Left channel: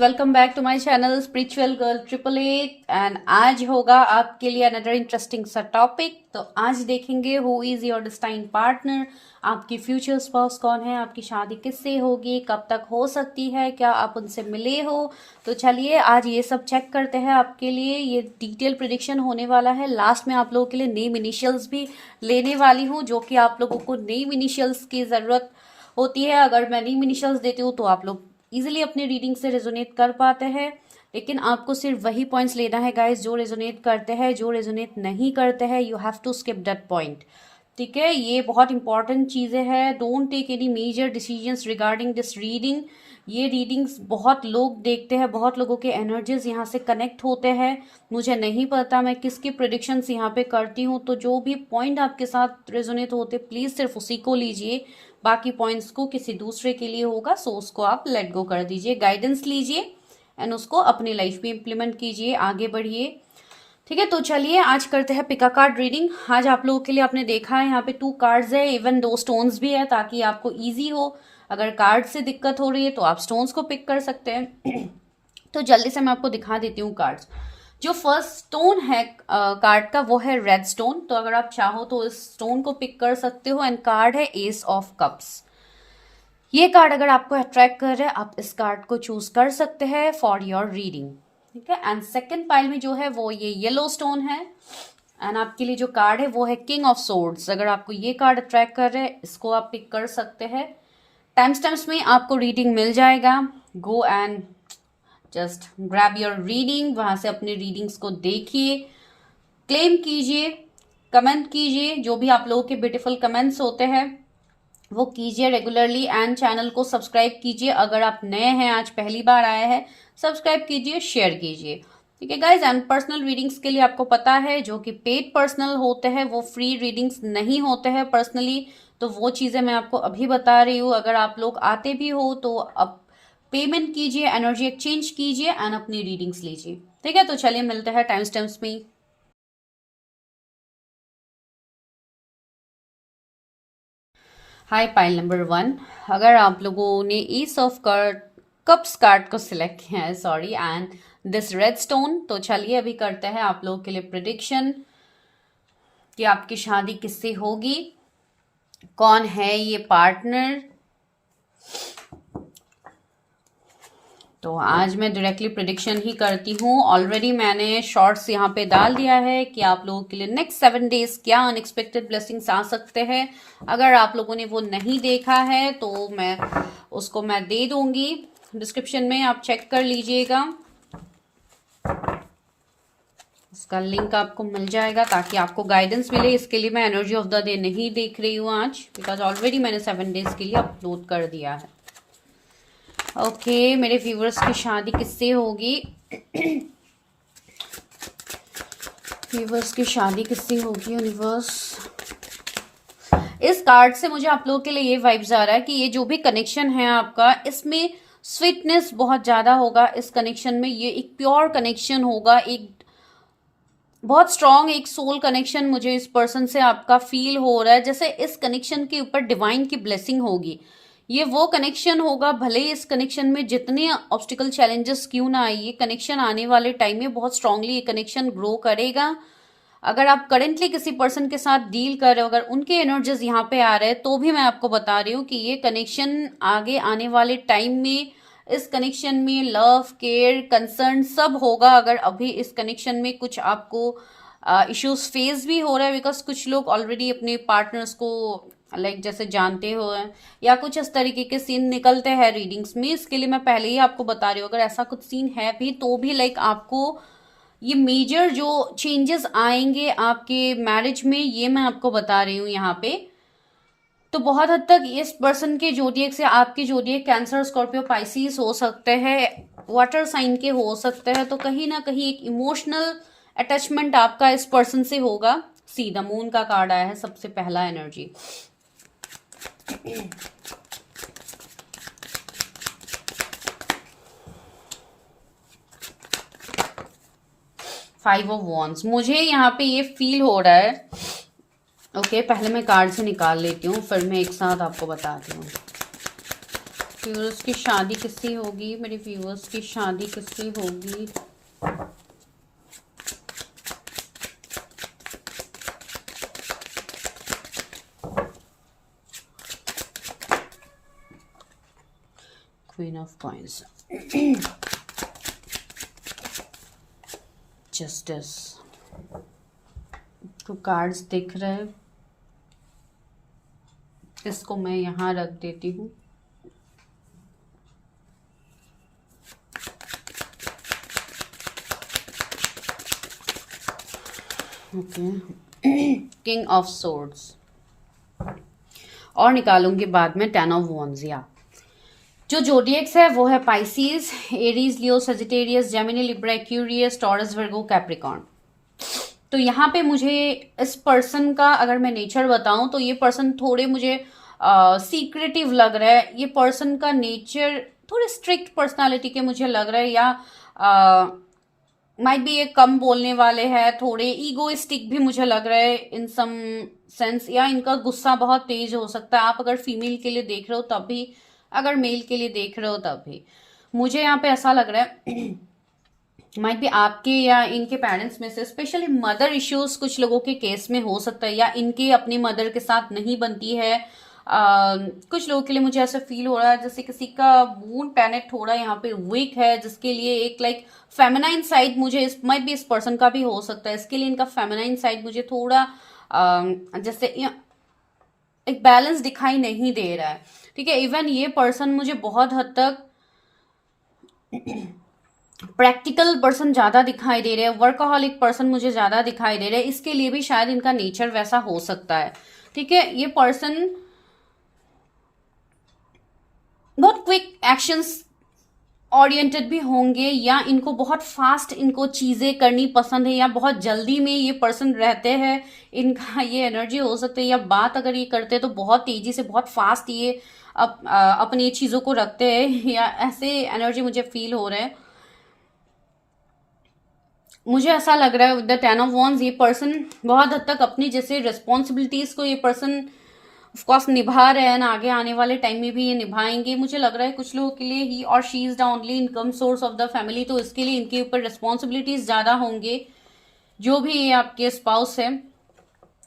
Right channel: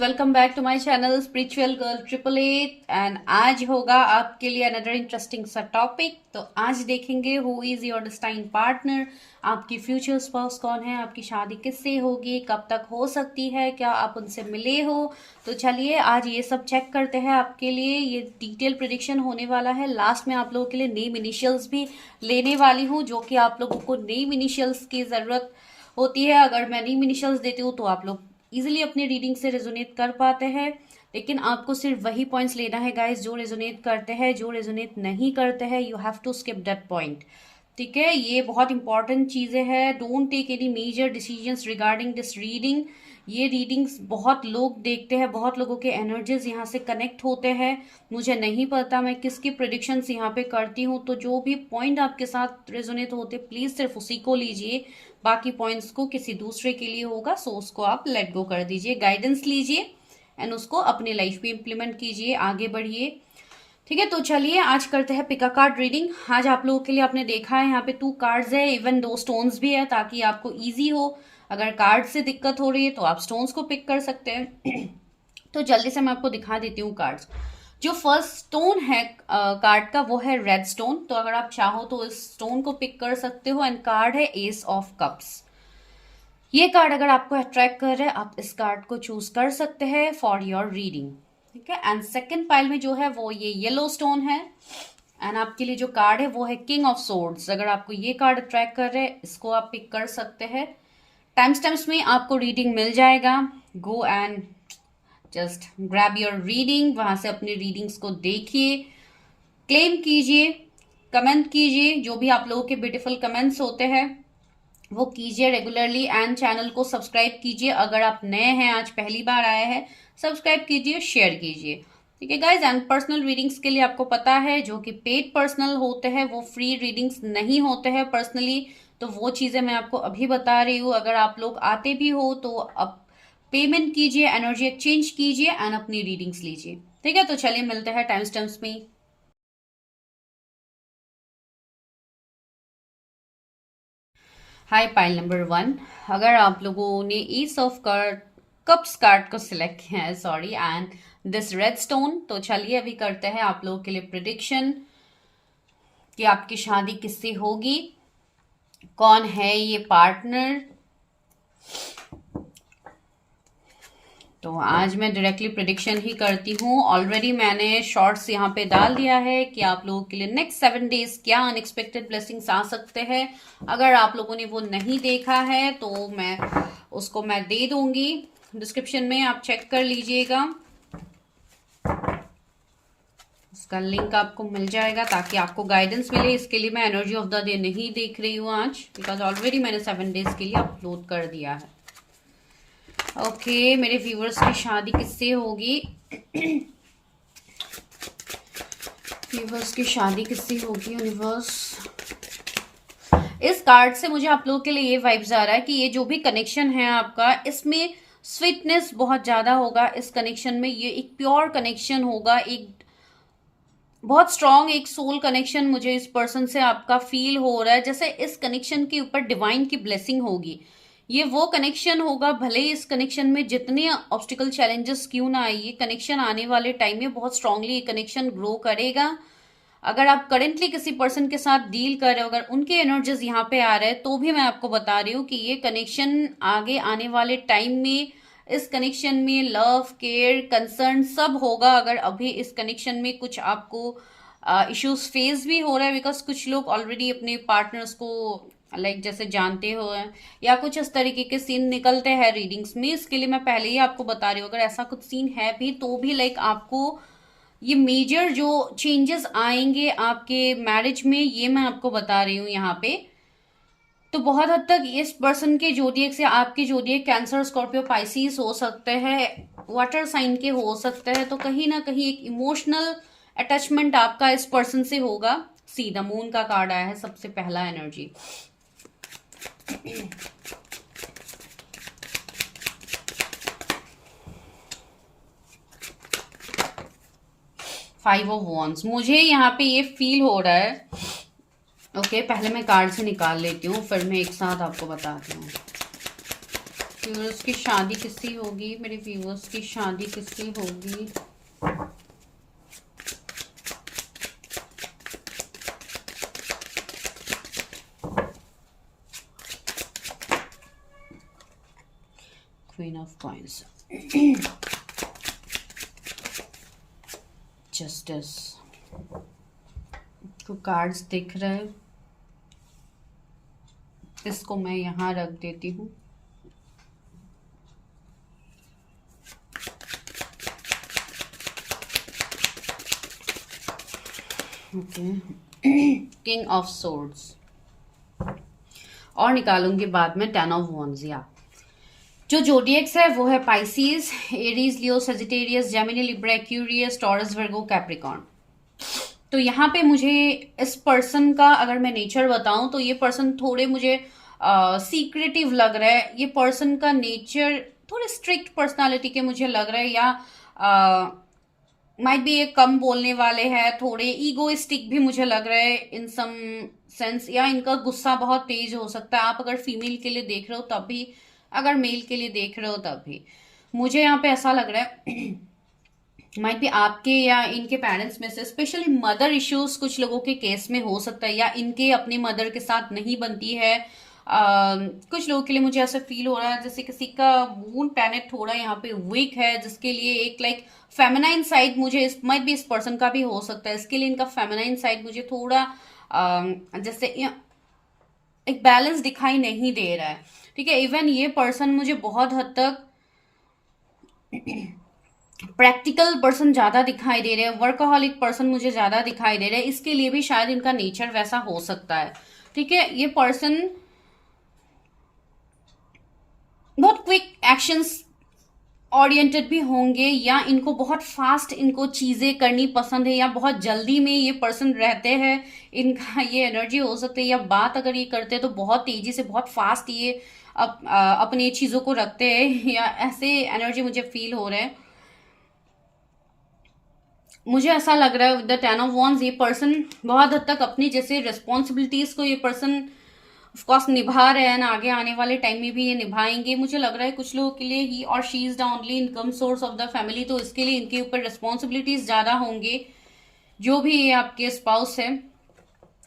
Welcome back to my channel spiritual girl 888 and आज होगा आपके लिए अनदर इंटरेस्टिंग सा टॉपिक। तो आज देखेंगे who is your destined partner, आपकी फ्यूचर स्पाउस कौन है, आपकी शादी किससे होगी, कब तक हो सकती है, क्या आप उनसे मिले हो। तो चलिए आज ये सब चेक करते हैं। आपके लिए ये डिटेल प्रेडिक्शन होने वाला है। लास्ट में आप लोगों के लिए नेम इनिशियल्स भी लेने वाली हूँ, जो कि आप लोगों को नेम इनिशियल्स की जरूरत होती है। अगर मैं नेम इनिशियल्स देती हूँ तो आप लोग इजिली अपने रीडिंग से रेजोनेट कर पाते हैं, लेकिन आपको सिर्फ वही पॉइंट्स लेना है गाइस जो रेजोनेट करते हैं। जो रेजोनेट नहीं करते हैं you have to skip that point. ठीक है, ये बहुत इंपॉर्टेंट चीज़ें हैं। Don't take any major decisions regarding this reading. ये रीडिंग्स बहुत लोग देखते हैं, बहुत लोगों के एनर्जीज यहाँ से कनेक्ट होते हैं। मुझे नहीं पता मैं किसकी प्रेडिक्शंस यहाँ पे करती हूँ, तो जो भी पॉइंट आपके साथ रेजोनेट होते प्लीज़ सिर्फ उसी को लीजिए, बाकी पॉइंट्स को किसी दूसरे के लिए होगा सो उसको आप लेट गो कर दीजिए। गाइडेंस लीजिए एंड उसको अपनी लाइफ में इम्प्लीमेंट कीजिए, आगे बढ़िए। ठीक है, तो चलिए आज करते हैं पिका कार्ड रीडिंग। आज आप लोगों के लिए आपने देखा है यहाँ पे 2 कार्ड्स है, इवन 2 स्टोन्स भी है, ताकि आपको इजी हो। अगर कार्ड से दिक्कत हो रही है तो आप स्टोन्स को पिक कर सकते हैं। तो जल्दी से मैं आपको दिखा देती हूँ कार्ड्स। जो फर्स्ट स्टोन है कार्ड का वो है रेड स्टोन। तो अगर आप चाहो तो इस स्टोन को पिक कर सकते हो। एंड कार्ड है एस ऑफ कप्स। ये कार्ड अगर आपको अट्रैक्ट कर रहा है आप इस कार्ड को चूज कर सकते हैं फॉर योर रीडिंग। ठीक है, एंड सेकेंड पाइल में जो है वो ये येलो स्टोन है। एंड आपके लिए जो कार्ड है वो है किंग ऑफ सोर्ड्स। अगर आपको ये कार्ड अट्रैक्ट कर रहे हैं इसको आप पिक कर सकते हैं। टाइम स्टैम्प्स में आपको रीडिंग मिल जाएगा। Go and just grab your reading, वहां से अपनी रीडिंग्स को देखिए, क्लेम कीजिए, कमेंट कीजिए। जो भी आप लोगों के ब्यूटीफुल कमेंट्स होते हैं वो कीजिए रेगुलरली। एंड चैनल को सब्सक्राइब कीजिए। अगर आप नए हैं, आज पहली बार आए हैं, सब्सक्राइब कीजिए, शेयर कीजिए। ठीक है गाइज, एंड पर्सनल रीडिंग्स के लिए आपको पता है जो कि पेड पर्सनल होते हैं वो फ्री रीडिंग्स नहीं होते हैं पर्सनली। तो वो चीजें मैं आपको अभी बता रही हूँ। अगर आप लोग आते भी हो तो अब पेमेंट कीजिए, एनर्जी एक्सचेंज कीजिए एंड अपनी रीडिंग्स लीजिए। ठीक है, तो चलिए मिलते हैं टाइम स्टैम्प्स में। हाय पाइल नंबर 1। अगर आप लोगों ने ईस ऑफ कप्स कार्ड को सिलेक्ट किया है, sorry, and this red stone, तो चलिए अभी करते हैं आप लोगों के लिए प्रिडिक्शन कि आपकी शादी किससे होगी, कौन है ये पार्टनर। तो आज मैं डायरेक्टली प्रिडिक्शन ही करती हूँ। ऑलरेडी मैंने शॉर्ट्स यहाँ पे डाल दिया है कि आप लोगों के लिए नेक्स्ट 7 डेज क्या अनएक्सपेक्टेड ब्लेसिंग्स आ सकते हैं। अगर आप लोगों ने वो नहीं देखा है तो उसको मैं दे दूंगी डिस्क्रिप्शन में, आप चेक कर लीजिएगा। इसका लिंक आपको मिल जाएगा ताकि आपको गाइडेंस मिले। इसके लिए मैं एनर्जी ऑफ द डे नहीं देख रही हूँ आज, बिकॉज ऑलरेडी मैंने 7 डेज के लिए अपलोड कर दिया है। ओके, मेरे व्यूअर्स की शादी किससे होगी? व्यूअर्स की शादी किससे होगी यूनिवर्स? इस कार्ड से मुझे आप लोगों के लिए ये वाइब्स आ रहा है कि ये जो भी कनेक्शन है आपका, इसमें स्वीटनेस बहुत ज्यादा होगा। इस कनेक्शन में ये एक प्योर कनेक्शन होगा, एक बहुत स्ट्रॉन्ग एक सोल कनेक्शन मुझे इस पर्सन से आपका फील हो रहा है। जैसे इस कनेक्शन के ऊपर डिवाइन की ब्लेसिंग होगी। ये वो कनेक्शन होगा, भले ही इस कनेक्शन में जितने ऑब्स्टिकल चैलेंजेस क्यों ना आए, ये कनेक्शन आने वाले टाइम में बहुत स्ट्रांगली ये कनेक्शन ग्रो करेगा। अगर आप करेंटली किसी पर्सन के साथ डील कर रहे हो, अगर उनके एनर्जीज यहाँ पे आ रहे हैं, तो भी मैं आपको बता रही हूँ कि ये कनेक्शन आगे आने वाले टाइम में इस कनेक्शन में लव, केयर, कंसर्न सब होगा। अगर अभी इस कनेक्शन में कुछ आपको इश्यूज फेस भी हो रहा है, बिकॉज कुछ लोग ऑलरेडी अपने पार्टनर्स को जैसे जानते हो या कुछ इस तरीके के सीन निकलते हैं रीडिंग्स में, इसके लिए मैं पहले ही आपको बता रही हूँ। अगर ऐसा कुछ सीन है भी तो भी आपको ये मेजर जो चेंजेस आएंगे आपके मैरिज में, ये मैं आपको बता रही हूँ यहाँ पे। तो बहुत हद तक इस पर्सन के जोडिएक से आपके जोडिएक कैंसर, स्कॉर्पियो, पाइसिस हो सकते हैं, वाटर साइन के हो सकते हैं। तो कहीं ना कहीं एक इमोशनल अटैचमेंट आपका इस पर्सन से होगा। सी द मून का कार्ड आया है सबसे पहला एनर्जी। फाइव ऑफ वॉन्ड्स, मुझे यहाँ पे ये फील हो रहा है। ओके, पहले मैं कार्ड से निकाल लेती हूँ फिर मैं एक साथ आपको बताती हूँ। व्यूअर्स की शादी किससे होगी, मेरे व्यूअर्स की शादी किससे होगी। क्वीन ऑफ कॉइंस, जस्टिस को कार्ड्स दिख रहे हैं, इसको मैं यहाँ रख देती हूँ। ओके, किंग ऑफ सोर्ड्स, और निकालूंगी बाद में 10 ऑफ वॉन्ड्स। या जो जोडिएक्स है वो है Pisces, Aries, Leo, Sagittarius, Gemini, Libra, Aquarius, Taurus, Virgo, Capricorn. तो यहाँ पे मुझे इस पर्सन का अगर मैं नेचर बताऊं तो ये पर्सन थोड़े मुझे सीक्रेटिव लग रहा है। ये पर्सन का नेचर थोड़े स्ट्रिक्ट पर्सनालिटी के मुझे लग रहा है, या माइट बी ये कम बोलने वाले हैं, थोड़े ईगोइस्टिक भी मुझे लग रहा है इन सम सेंस, या इनका गुस्सा बहुत तेज हो सकता है। आप अगर फीमेल के लिए देख रहे हो तब भी, अगर मेल के लिए देख रहे हो तब भी, मुझे यहाँ पे ऐसा लग रहा है माइट भी आपके या इनके पेरेंट्स में से स्पेशली मदर इश्यूज कुछ लोगों के केस में हो सकता है, या इनके अपनी मदर के साथ नहीं बनती है। कुछ लोगों के लिए मुझे ऐसा फील हो रहा है जैसे किसी का मून प्लैनेट थोड़ा यहाँ पे वीक है, जिसके लिए एक लाइक फेमिनाइन साइड मुझे इस माइट भी इस पर्सन का भी हो सकता है। इसके लिए इनका फेमिनाइन साइड मुझे थोड़ा जैसे एक बैलेंस दिखाई नहीं दे रहा है। ठीक है, इवन ये पर्सन मुझे बहुत हद तक प्रैक्टिकल पर्सन ज्यादा दिखाई दे रहे हैं, वर्कaholic पर्सन मुझे ज्यादा दिखाई दे रहे हैं। इसके लिए भी शायद इनका नेचर वैसा हो सकता है। ठीक है, ये पर्सन बहुत क्विक एक्शंस ओरिएंटेड भी होंगे, या इनको बहुत फास्ट इनको चीजें करनी पसंद है, या बहुत जल्दी में ये पर्सन रहते हैं। इनका ये एनर्जी हो सकती है, या बात अगर ये करते हैं तो बहुत तेजी से बहुत फास्ट ये अपनी चीजों को रखते हैं, या ऐसे एनर्जी मुझे फील हो रहा है। मुझे ऐसा लग रहा है विद द 10 ऑफ वॉन्ड्स ये पर्सन बहुत हद तक अपनी जैसे रिस्पॉन्सिबिलिटीज को ये पर्सन ऑफकोर्स निभा रहे हैं, आगे आने वाले टाइम में भी ये निभाएंगे। मुझे लग रहा है कुछ लोगों के लिए ही और she is the only income source of the family, तो इसके लिए इनके ऊपर रिस्पॉन्सिबिलिटीज ज्यादा होंगे। जो भी ये आपके स्पाउस है,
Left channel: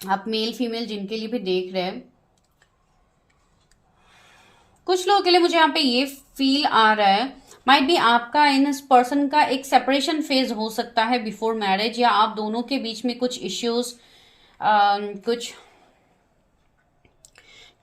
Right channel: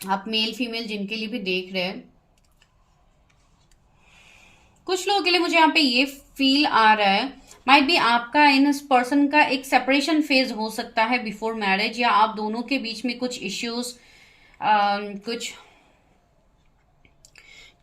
आप मेल फीमेल जिनके लिए भी देख रहे हैं, कुछ लोगों के लिए मुझे यहाँ पे ये फील आ रहा है माइट बी आपका इन इस पर्सन का एक सेपरेशन फेज हो सकता है बिफोर मैरिज, या आप दोनों के बीच में कुछ इश्यूज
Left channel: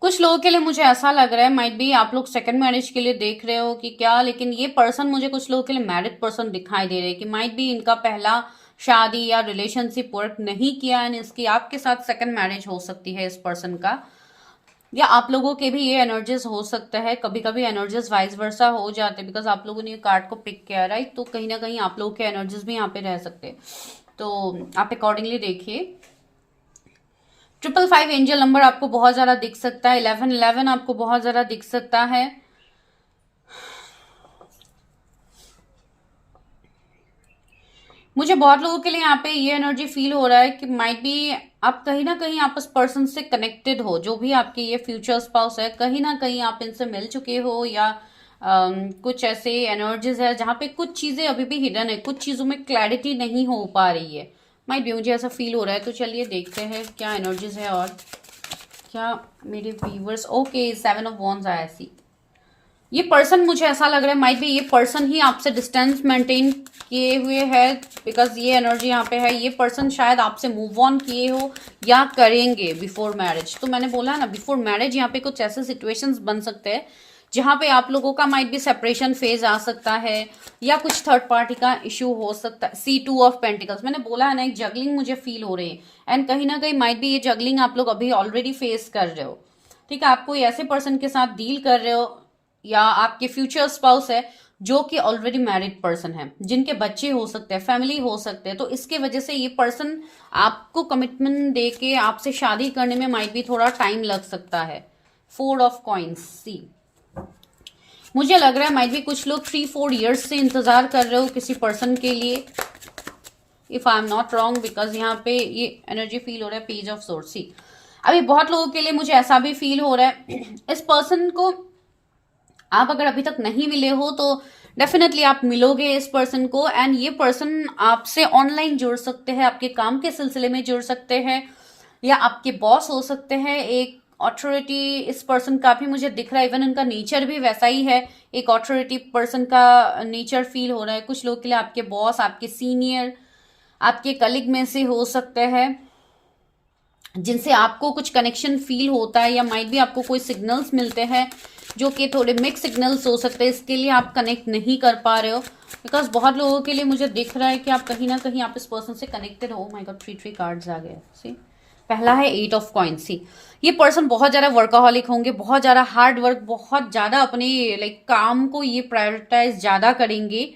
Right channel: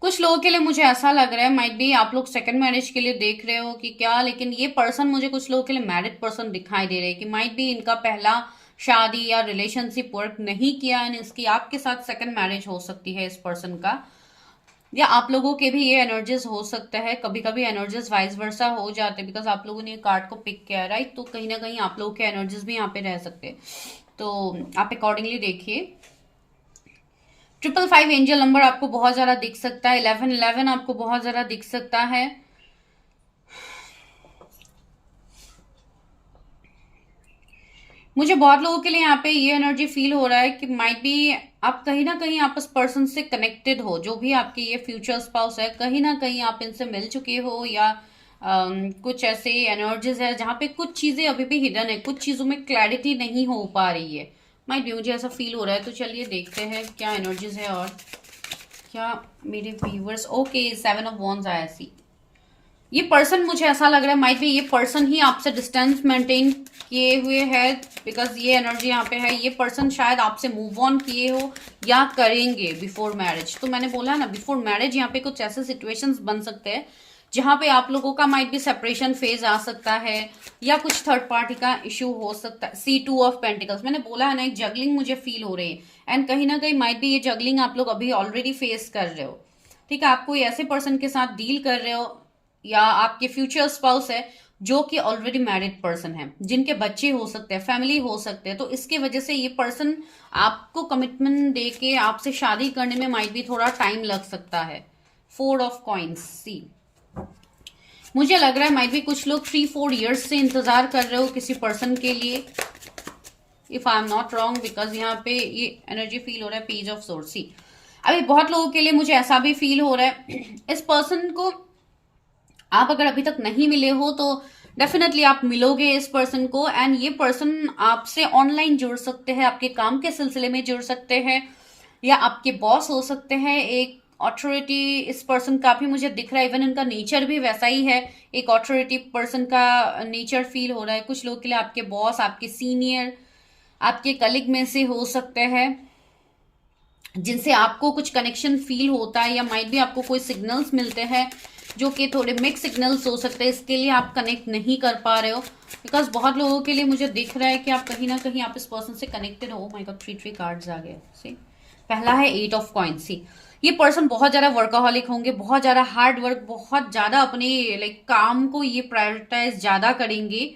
कुछ लोगों के लिए मुझे ऐसा लग रहा है माइट बी आप लोग सेकंड मैरिज के लिए देख रहे हो कि क्या, लेकिन ये पर्सन मुझे कुछ लोगों के लिए मैरिड पर्सन दिखाई दे रहे हैं कि माइट बी इनका पहला शादी या रिलेशनशिप वर्क नहीं किया एंड इसकी आपके साथ सेकंड मैरिज हो सकती है इस पर्सन का, या आप लोगों के भी ये एनर्जीज हो सकता है। कभी कभी एनर्जीज वाइस वर्सा हो जाते हैं बिकॉज आप लोगों ने ये कार्ड को पिक किया, राइट। तो कहीं ना कहीं आप लोगों के एनर्जीज भी यहाँ पे रह सकते हैं, तो आप अकॉर्डिंगली देखिए। 555 एंजल नंबर आपको बहुत ज्यादा दिख सकता है, 1111 आपको बहुत ज्यादा दिख सकता है। मुझे बहुत लोगों के लिए यहाँ पे ये एनर्जी फील हो रहा है कि माइट बी आप कहीं ना कहीं आप उस पर्सन से कनेक्टेड हो, जो भी आपके ये फ्यूचर स्पाउस है, कहीं ना कहीं आप इनसे मिल चुके हो, या कुछ ऐसे एनर्जीज है जहाँ पे कुछ चीजें अभी भी हिडन है, कुछ चीजों में क्लैरिटी नहीं हो पा रही है। माइट बी मुझे ऐसा फील हो रहा है। तो चलिए देखते हैं क्या एनर्जीज है और क्या मेरे व्यूवर्स। ओके, 7 ऑफ वॉन्ड्स आया सी। ये पर्सन मुझे ऐसा लग रहा है माइट बी ये पर्सन ही आपसे डिस्टेंस मेंटेन किए हुए है, बिकॉज ये एनर्जी यहाँ पे है। ये पर्सन शायद आपसे मूव ऑन किए हो या करेंगे बिफोर मैरिज। तो मैंने बोला ना बिफोर मैरिज यहाँ पे कुछ ऐसे सिचुएशंस बन सकते हैं जहां पे आप लोगों का माइट बी सेपरेशन फेज आ सकता है, या कुछ थर्ड पार्टी का इश्यू हो सकता है। C2 ऑफ पेंटिकल्स, मैंने बोला है ना, एक जगलिंग मुझे फील हो रही है, एंड कहीं ना कहीं माइट बी ये जगलिंग आप लोग अभी ऑलरेडी फेस कर रहे हो। ठीक है, आप कोई ऐसे पर्सन के साथ डील कर रहे हो, या आपके फ्यूचर स्पाउस है जो कि ऑलरेडी मैरिड पर्सन है, जिनके बच्चे हो सकते हैं, फैमिली हो सकते हैं। तो इसके वजह से ये पर्सन आपको कमिटमेंट दे के आपसे शादी करने में माइट भी थोड़ा टाइम लग सकता है। 4 ऑफ कॉइंस सी, मुझे लग रहा है माइट भी कुछ लोग 3-4 इयर्स से इंतजार कर रहे हो किसी पर्सन के लिए, if I am not wrong, because यहाँ पे ये एनर्जी फील हो रहा है पेज ऑफ सोर्ड सी। अभी बहुत लोगों के लिए मुझे ऐसा भी फील हो रहा है इस पर्सन को आप अगर अभी तक नहीं मिले हो तो डेफिनेटली आप मिलोगे इस पर्सन को, एंड ये पर्सन आपसे ऑनलाइन जुड़ सकते हैं, आपके काम के सिलसिले में जुड़ सकते हैं, या आपके बॉस हो सकते हैं। एक ऑथोरिटी इस पर्सन का भी मुझे दिख रहा है, इवन उनका नेचर भी वैसा ही है, एक ऑथोरिटी पर्सन का नेचर फील हो रहा है। कुछ लोग के लिए आपके बॉस, आपके सीनियर, आपके कलीग में से हो सकते हैं जिनसे आपको कुछ कनेक्शन फील होता है, या माइट भी आपको कोई सिग्नल्स मिलते हैं जो कि थोड़े मिक्स सिग्नल्स हो सकते हैं, इसके लिए आप कनेक्ट नहीं कर पा रहे हो। बिकॉज बहुत लोगों के लिए मुझे दिख रहा है कि आप कहीं ना कहीं आप इस पर्सन से कनेक्टेड हो। माय गॉड, 3 कार्ड्स आ गए। सी, पहला है 8 ऑफ कॉइंस। सी, ये पर्सन बहुत ज्यादा वर्काहॉलिक होंगे, बहुत ज्यादा हार्ड वर्क, बहुत ज्यादा अपने लाइक काम को ये प्रायोरिटाइज ज्यादा करेंगे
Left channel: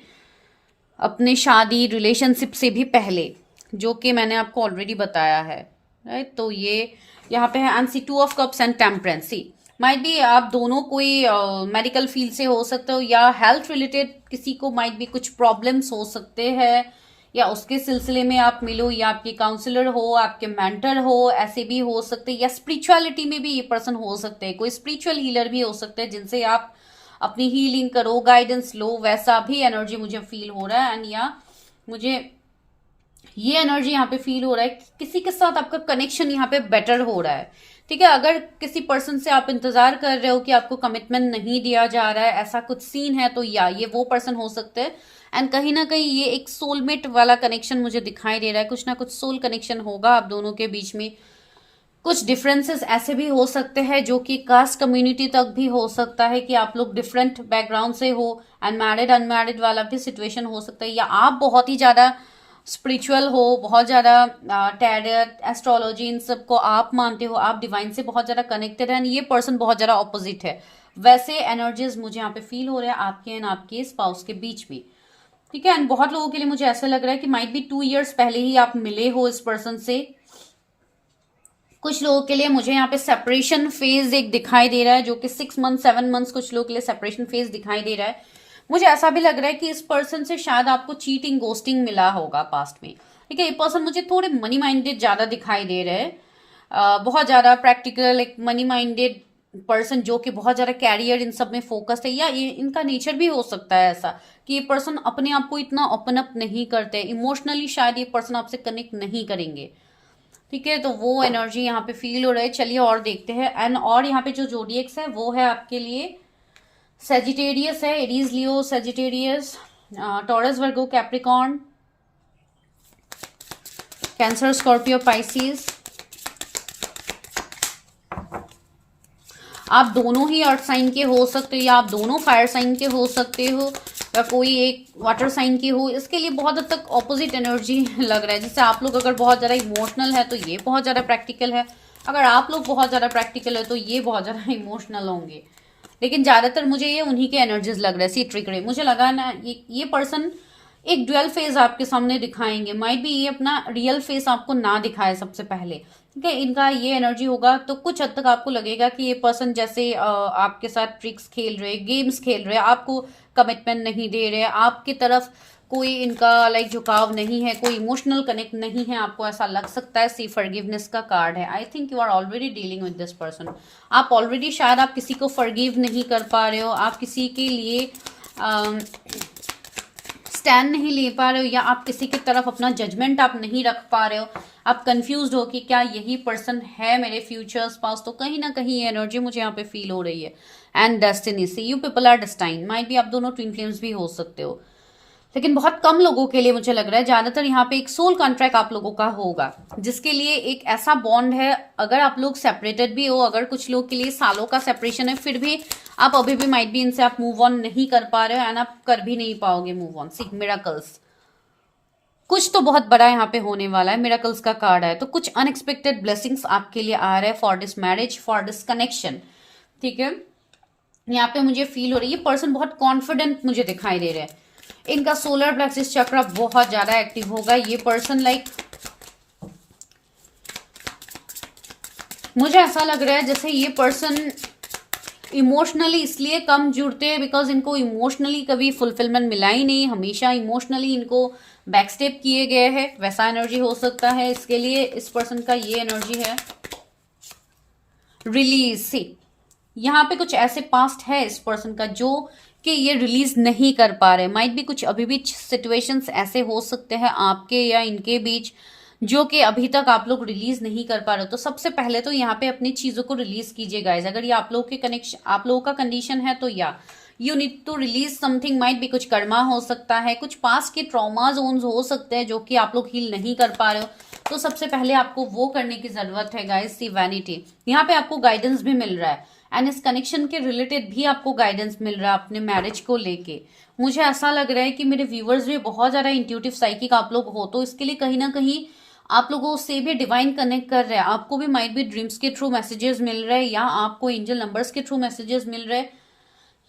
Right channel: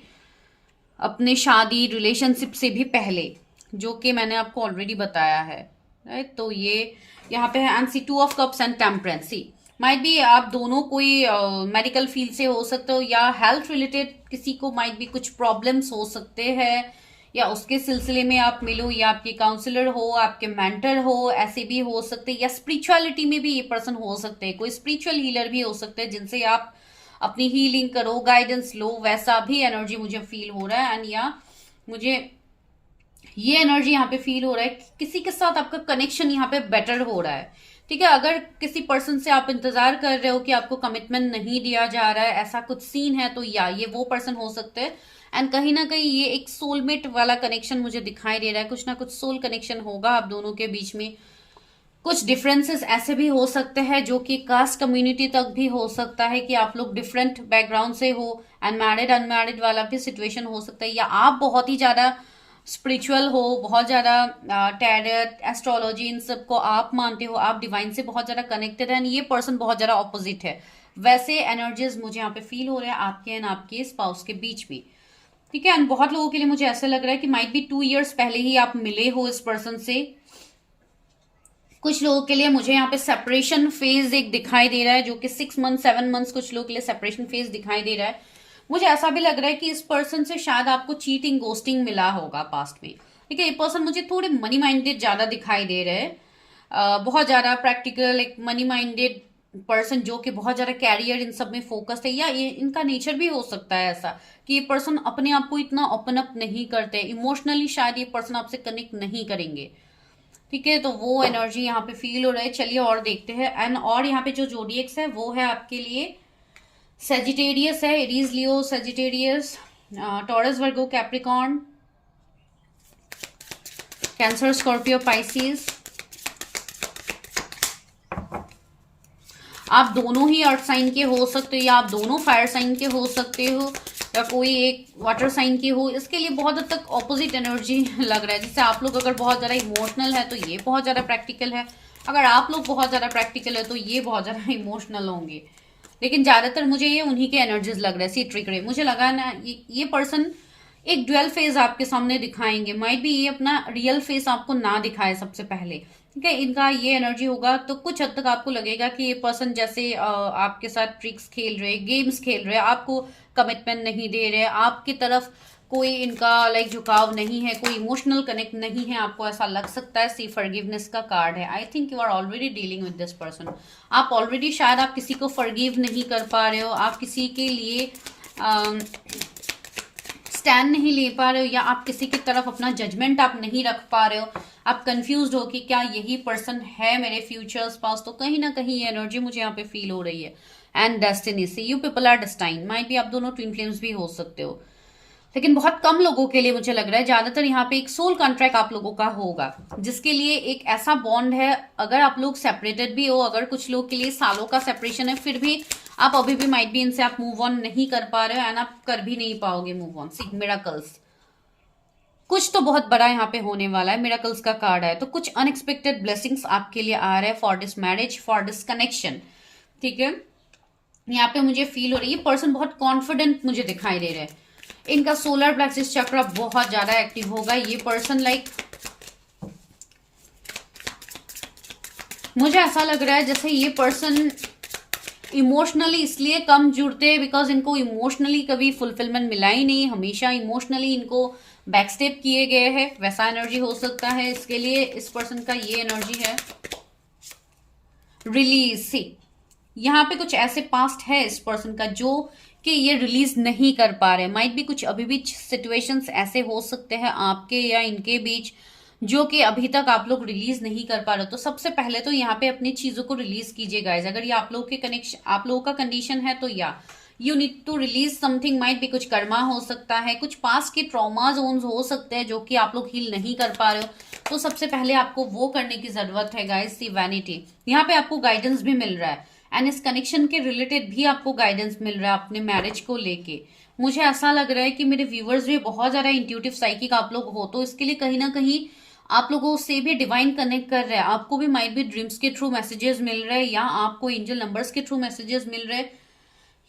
अपने शादी रिलेशनशिप से भी पहले, जो कि मैंने आपको ऑलरेडी बताया है, राइट। तो ये यहाँ पे है, and see 2 of cups and temperance. Might be आप दोनों कोई मेडिकल फील्ड से हो सकते हो, या हेल्थ रिलेटेड किसी को माइट बी कुछ प्रॉब्लम्स हो सकते हैं, या उसके सिलसिले में आप मिलो, या आपके काउंसलर हो, आपके मेंटर हो, ऐसे भी हो सकते हैं। या स्पिरिचुअलिटी में भी ये पर्सन हो सकते हैं, कोई स्पिरिचुअल हीलर भी हो सकते हैं जिनसे आप अपनी हीलिंग करो, गाइडेंस लो, वैसा भी एनर्जी मुझे फील हो रहा है। एंड या मुझे ये एनर्जी यहाँ पे फील हो रहा है कि किसी के साथ आपका कनेक्शन यहाँ पे बेटर हो रहा है, ठीक है। अगर किसी पर्सन से आप इंतजार कर रहे हो कि आपको कमिटमेंट नहीं दिया जा रहा है, ऐसा कुछ सीन है, तो या ये वो पर्सन हो सकते हैं। एंड कहीं ना कहीं ये एक सोलमेट वाला कनेक्शन मुझे दिखाई दे रहा है, कुछ ना कुछ सोल कनेक्शन होगा आप दोनों के बीच में। कुछ डिफरेंसेस ऐसे भी हो सकते हैं जो कि कास्ट कम्युनिटी तक भी हो सकता है, कि आप लोग डिफरेंट बैकग्राउंड से हो, एंड मैरिड अनमैरिड वाला भी सिचुएशन हो सकता है, या आप बहुत ही ज्यादा स्पिरिचुअल हो, बहुत ज्यादा टैरेट, एस्ट्रोलॉजी, इन सब को आप मानते हो, आप डिवाइन से बहुत ज्यादा कनेक्टेड है, ये पर्सन बहुत ज्यादा ऑपोजिट है। वैसे एनर्जीज मुझे यहाँ पे फील हो रहा है आपके एंड आपके स्पाउस के बीच भी, ठीक है। एंड बहुत लोगों के लिए मुझे ऐसा लग रहा है कि माइट बी 2 इयर्स पहले ही आप मिले हो इस पर्सन से। कुछ लोगों के लिए मुझे यहाँ पे सेपरेशन फेज एक दिखाई दे रहा है, जो कि 6 मंथ 7 मंथ्स कुछ लोगों के लिए सेपरेशन फेज दिखाई दे रहा है। मुझे ऐसा भी लग रहा है कि इस पर्सन से शायद आपको चीटिंग, गोस्टिंग मिला होगा पास्ट में, ठीक है। ये पर्सन मुझे थोड़े मनी माइंडेड ज्यादा दिखाई दे रहे हैं, बहुत ज्यादा प्रैक्टिकल, एक मनी माइंडेड पर्सन जो कि बहुत ज्यादा कैरियर इन सब में फोकस्ड है, या ये इनका नेचर भी हो सकता है ऐसा कि ये पर्सन अपने आप को इतना ओपन अप नहीं करते, इमोशनली शायद ये पर्सन आपसे कनेक्ट नहीं करेंगे, ठीक है। तो वो एनर्जी यहाँ पे फील हो रहा है। चलिए और देखते हैं। एंड और यहाँ पे जो जोडिएक्स है वो है आपके लिए सेजिटेरियस है, एरीज, लियो, Sagittarius, taurus, Virgo, Capricorn, cancer, Scorpio, Pisces. आप दोनों ही अर्थ साइन के हो सकते हो, या आप दोनों फायर साइन के हो सकते हो, या कोई एक वाटर साइन की हो। इसके लिए बहुत हद तक ऑपोजिट एनर्जी लग रहा है। जैसे आप लोग अगर बहुत ज्यादा इमोशनल है तो ये बहुत ज्यादा प्रैक्टिकल है, अगर आप लोग बहुत ज्यादा प्रैक्टिकल है तो ये बहुत ज्यादा इमोशनल होंगे। लेकिन ज्यादातर मुझे ये उन्हीं के एनर्जीज लग रहा है। सी ट्रिकरी मुझे लगा ना, ये पर्सन एक ड्यूअल फेस आपके सामने दिखाएंगे। माइट भी ये अपना रियल फेस आपको ना दिखाए सबसे पहले, ठीक है। इनका ये एनर्जी होगा तो कुछ हद तक आपको लगेगा कि ये पर्सन जैसे आपके साथ ट्रिक्स खेल रहे, गेम्स खेल रहे, आपको कमिटमेंट नहीं दे रहे, आपकी तरफ कोई इनका लाइक झुकाव नहीं है, कोई इमोशनल कनेक्ट नहीं है, आपको ऐसा लग सकता है। सी फॉरगिवनेस का कार्ड है। I think you are already dealing with this person. आप ऑलरेडी शायद आप किसी को फॉरगिव नहीं कर पा रहे हो, आप किसी के लिए स्टैंड नहीं ले पा रहे हो, या आप किसी की तरफ अपना जजमेंट आप नहीं रख पा रहे हो। आप कंफ्यूज्ड हो कि क्या यही पर्सन है मेरे फ्यूचर स्पाउस। तो कहीं ना कहीं ये एनर्जी मुझे यहाँ पे फील हो रही है। एंड डेस्टिनी से you people are destine. Might भी आप दोनों ट्विन फ्लेम्स भी हो सकते हो, लेकिन बहुत कम लोगों के लिए मुझे लग रहा है। ज्यादातर यहाँ पे एक सोल कॉन्ट्रैक्ट आप लोगों का होगा, जिसके लिए एक ऐसा बॉन्ड है। अगर आप लोग सेपरेटेड भी हो, अगर कुछ लोग के लिए सालों का सेपरेशन है, फिर भी आप अभी भी माइट भी इनसे आप मूव ऑन नहीं कर पा रहे हो, एंड आप कर भी नहीं पाओगे मूव ऑन। सी मिरेकल्स, कुछ तो बहुत बड़ा यहाँ पे होने वाला है। मिरेकल्स का कार्ड है, तो कुछ अनएक्सपेक्टेड ब्लेसिंग्स आपके लिए आ रहे हैं for this marriage, for this connection, ठीक है। यहाँ पे मुझे फील हो रही है पर्सन बहुत कॉन्फिडेंट मुझे दिखाई दे रहा है। इनका सोलर प्लेक्सिस चक्र बहुत ज्यादा एक्टिव होगा। ये पर्सन लाइक मुझे ऐसा लग रहा है जैसे ये पर्सन इमोशनली इसलिए कम जुड़ते हैं बिकॉज इनको इमोशनली कभी फुलफिलमेंट मिला ही नहीं, हमेशा इमोशनली इनको बैकस्टेप किए गए हैं, वैसा एनर्जी हो सकता है। इसके लिए इस पर्सन का ये एनर्जी है रिलीज। सी यहाँ पे कुछ ऐसे पास्ट है इस पर्सन का जो कि ये रिलीज नहीं कर पा रहे। माइट भी कुछ अभी भी सिचुएशंस ऐसे हो सकते हैं आपके या इनके बीच जो कि अभी तक आप लोग रिलीज नहीं कर पा रहे। तो सबसे पहले तो यहाँ पे अपनी चीजों को रिलीज कीजिए गाइज। अगर ये आप लोगों के कनेक्शन, आप लोगों का कंडीशन है तो या you need to release something. Might भी कुछ कर्मा हो सकता है, कुछ पास के ट्रॉमा जोन्स हो सकते हैं जो कि आप लोग हील नहीं कर पा रहे हो। तो सबसे पहले आपको वो करने की जरूरत है गाइज। सी वैनिटी, यहाँ पे आपको गाइडेंस भी मिल रहा है एंड इस कनेक्शन के रिलेटेड भी आपको गाइडेंस मिल रहा है अपने मैरिज को लेके। मुझे ऐसा लग रहा है कि मेरे व्यूवर्स भी बहुत ज्यादा इंट्यूटिव साइकिक आप लोग हो, तो इसके लिए कहीं ना कहीं आप लोगों से भी डिवाइन कनेक्ट कर रहे हैं। आपको भी माइट भी ड्रीम्स के थ्रू मैसेजेस मिल रहे हैं या आपको एंजल नंबर्स के थ्रू मैसेजेस मिल रहे हैं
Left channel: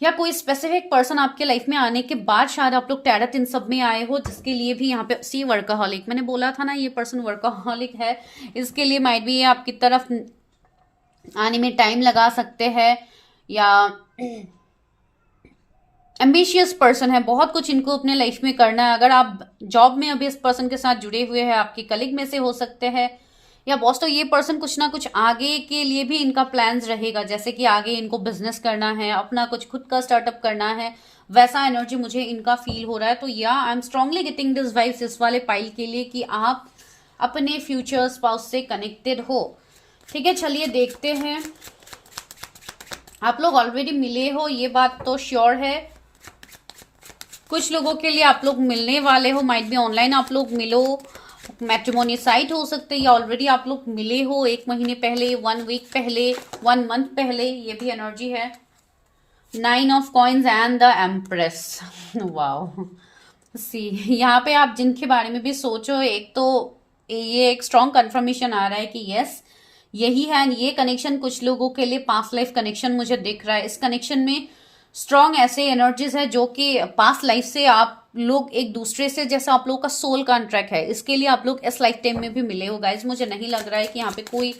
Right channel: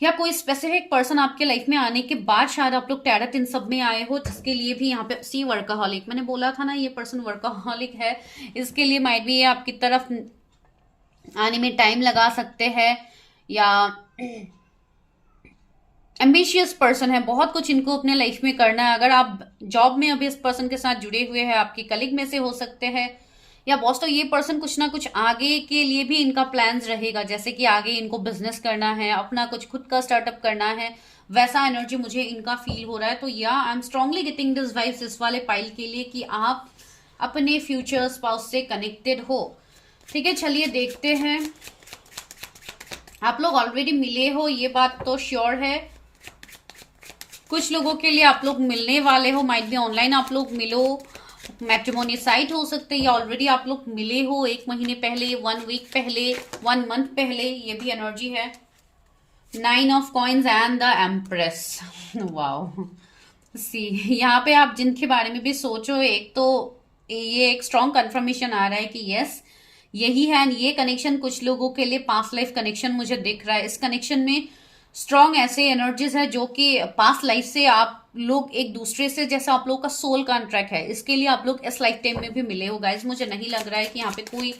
या कोई स्पेसिफिक पर्सन आपके लाइफ में आने के बाद शायद आप लोग टैरट इन सब में आए हो, जिसके लिए भी यहाँ पे सी वर्कaholic, मैंने बोला था ना ये पर्सन वर्कaholic है। इसके लिए माइट भी ये आपकी तरफ आने में टाइम लगा सकते हैं या एम्बिशियस पर्सन है, बहुत कुछ इनको अपने लाइफ में करना है। अगर आप जॉब में अभी इस पर्सन के साथ जुड़े हुए हैं, आपकी कलीग में से हो सकते हैं या बॉस, तो ये पर्सन कुछ ना कुछ आगे के लिए भी इनका प्लान्स रहेगा, जैसे कि आगे इनको बिजनेस करना है, अपना कुछ खुद का स्टार्टअप करना है, वैसा एनर्जी मुझे इनका फील हो रहा है। तो या I am strongly getting this vibes इस वाले पाइल के लिए कि आप अपने फ्यूचर स्पाउस से कनेक्टेड हो। ठीक है, चलिए देखते हैं। आप लोग ऑलरेडी मिले हो ये बात तो श्योर है। कुछ लोगों के लिए आप लोग मिलने वाले हो, माइट भी ऑनलाइन आप लोग मिलो, मैट्रिमोनी साइट हो सकते हैं या ऑलरेडी आप लोग मिले हो 1 महीने पहले, 1 वीक पहले, 1 मंथ पहले, ये भी एनर्जी है। 9 of coins and the empress. Wow, see यहाँ पे आप जिनके बारे में भी सोचो, एक तो ये एक स्ट्रॉन्ग कंफर्मेशन आ रहा है कि यस यही है। ये कनेक्शन कुछ लोगों के लिए पास्ट लाइफ कनेक्शन मुझे दिख रहा है। इस कनेक्शन में स्ट्रॉन्ग ऐसे एनर्जीज है जो कि पास्ट लाइफ से आप लोग एक दूसरे से, जैसा आप लोग का सोल कॉन्ट्रैक्ट है, इसके लिए आप लोग इस लाइफ टाइम में भी मिले हो गाइज। मुझे नहीं लग रहा है कि यहाँ पे कोई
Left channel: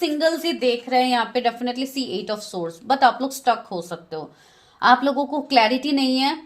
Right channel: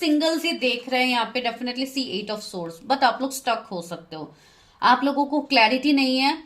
सिंगल से देख रहे हैं। यहाँ पे definitely see 8 of swords, but आप लोग स्टक हो सकते हो, आप लोगों को क्लैरिटी नहीं है।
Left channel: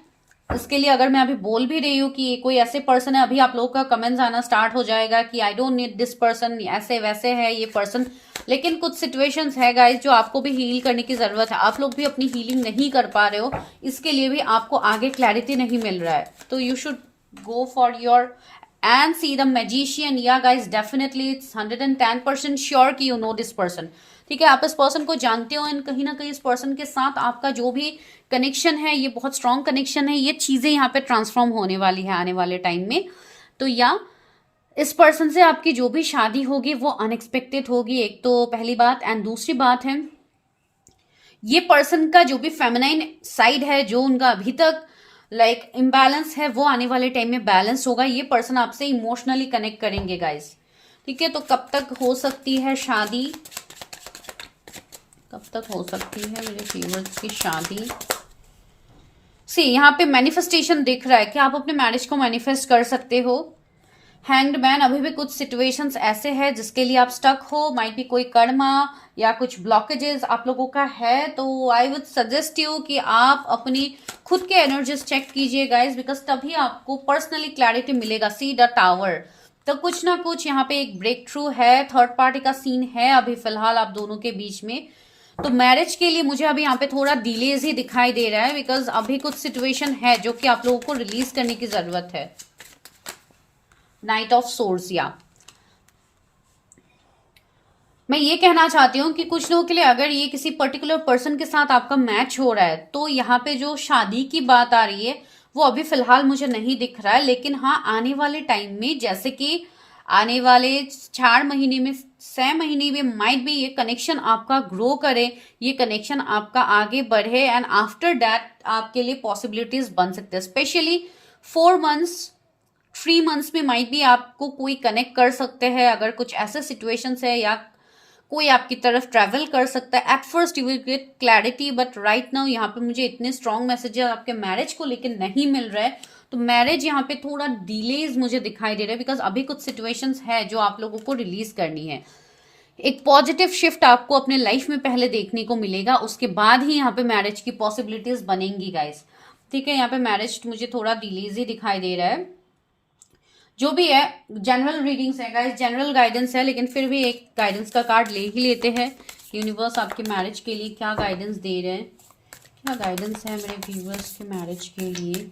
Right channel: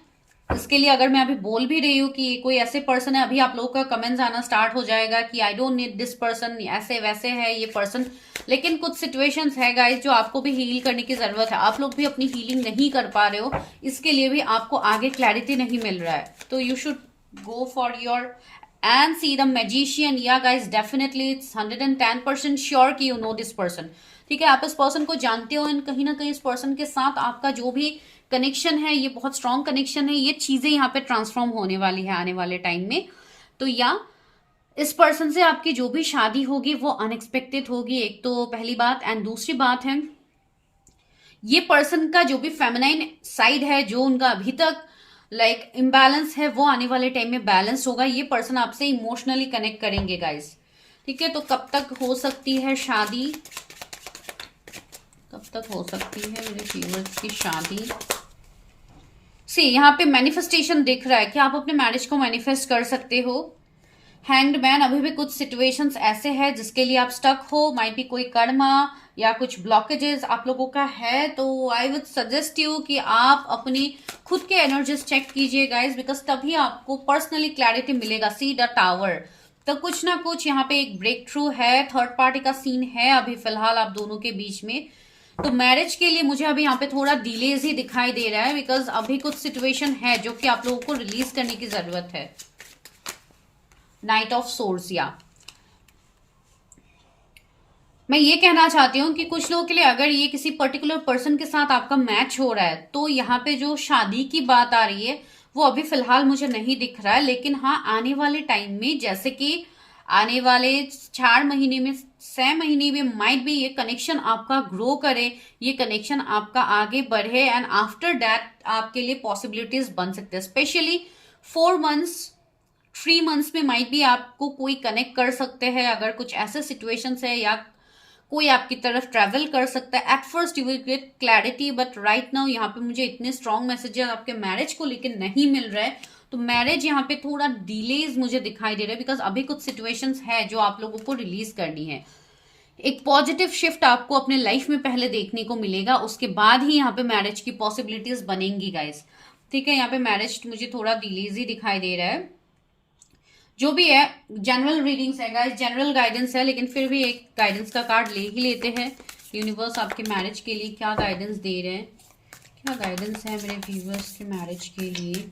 इसके लिए अगर मैं अभी बोल भी रही हूँ कि कोई ऐसे पर्सन है, अभी आप लोगों का कमेंट्स आना स्टार्ट हो जाएगा कि I don't need this person, ऐसे वैसे है ये पर्सन। लेकिन कुछ सिचुएशंस है गाइस जो आपको भी हील करने की जरूरत है। आप लोग भी अपनी हीलिंग नहीं कर पा रहे हो, इसके लिए भी आपको आगे क्लैरिटी नहीं मिल रहा है। तो you should go for your and see the magician. या गाइस डेफिनेटली इट्स 110% श्योर कि यू नो दिस पर्सन। ठीक है, आप इस पर्सन को जानते हो एंड कहीं ना कहीं इस पर्सन के साथ आपका जो भी कनेक्शन है ये बहुत स्ट्रॉन्ग कनेक्शन है। ये चीजें यहाँ पे ट्रांसफॉर्म होने वाली है आने वाले टाइम में। तो या इस पर्सन से आपकी जो भी शादी होगी वो अनएक्सपेक्टेड होगी, एक तो पहली बात। एंड दूसरी बात है ये पर्सन का जो भी फेमिनाइन साइड है, जो उनका अभी तक लाइक इम्बैलेंस है, वो आने वाले टाइम में बैलेंस होगा। ये पर्सन आपसे इमोशनली कनेक्ट करेंगे गाइस। ठीक है, तो कब तक हो सकती है शादी, कब तक हो सकती है मेरे व्यूअर्स की शादी? सी यहाँ पे मैनिफेस्टेशन दिख रहा है कि आप अपने मैरिज को मैनिफेस्ट कर सकते हो। हैंग्ड मैन, अभी भी कुछ सिचुएशंस ऐसे हैं जिसके लिए आप स्टक हो, माइट भी कोई कर्मा या कुछ ब्लॉकेजेस आप लोगों का है। तो आई वुड सजेस्ट यू कि आप अपनी खुद के एनर्जीज चेक कीजिए गाइज, बिकॉज तभी आपको पर्सनली क्लैरिटी मिलेगा। सी द टावर, तो कुछ ना कुछ यहाँ पे एक ब्रेक थ्रू है, थर्ड पार्टी का सीन है अभी फिलहाल आप दोनों के बीच में। तो मैरिज के लिए मुझे अभी यहाँ पे थोड़ा डिलेज ही दिखाई दे रहा है, बिकॉज अभी कुछ सिचुएशन है जो कि आप लोगों को रिलीज करने की जरूरत है। नाइट ऑफ सोर्स, या मैं ये कहना चाहती हूँ कि कुछ लोगों के लिए अगर ये किसी पर्टिकुलर पर्सन के साथ आपका मैच हो रहा है, तो यहाँ पे जो शादी की बात आ रही है वो अभी फिलहाल मुझे नहीं दिख रहा है। लेकिन हाँ, आने वाले टाइम में, जैसे कि आने वाले 4 महीने में, 6 महीने में माइट भी ये कनेक्शन आपका ग्रो करे, ये कनेक्शन आपका आगे बढ़े एंड आफ्टर दैट आपके लिए पॉसिबिलिटीज बन सकते हैं। स्पेशली 4 मंथ्स, 3 मंथ्स में माइट भी आपको कोई कनेक्ट कर सकते हैं। अगर कुछ ऐसे सिचुएशंस है या कोई आपकी तरफ ट्रैवल कर सकता है। At first you will get clarity, but right now यहाँ पे मुझे इतने स्ट्रॉन्ग मैसेजेस आपके मैरिज को लेकर नहीं मिल रहा है। तो मैरिज यहाँ पे थोड़ा डिलेज मुझे दिखाई दे रहा है, बिकॉज अभी कुछ सिचुएशंस है जो आप लोगों को रिलीज करनी है। एक पॉजिटिव शिफ्ट आपको अपने लाइफ में पहले देखने को मिलेगा, उसके बाद ही यहाँ पे मैरिज की पॉसिबिलिटीज बनेंगी गाइस। ठीक है, यहाँ पे मैरिज मुझे थोड़ा डिलेज ही दिखाई दे रहा है। जो भी है जनरल रीडिंग्स है गाइस, जनरल गाइडेंस है, लेकिन फिर भी एक गाइडेंस का कार्ड ले ही लेते हैं यूनिवर्स आपके मैरिज के लिए क्या गाइडेंस दे रहे हैं, क्या गाइडेंस है मेरे व्यूवर्स के मैरिज के लिए।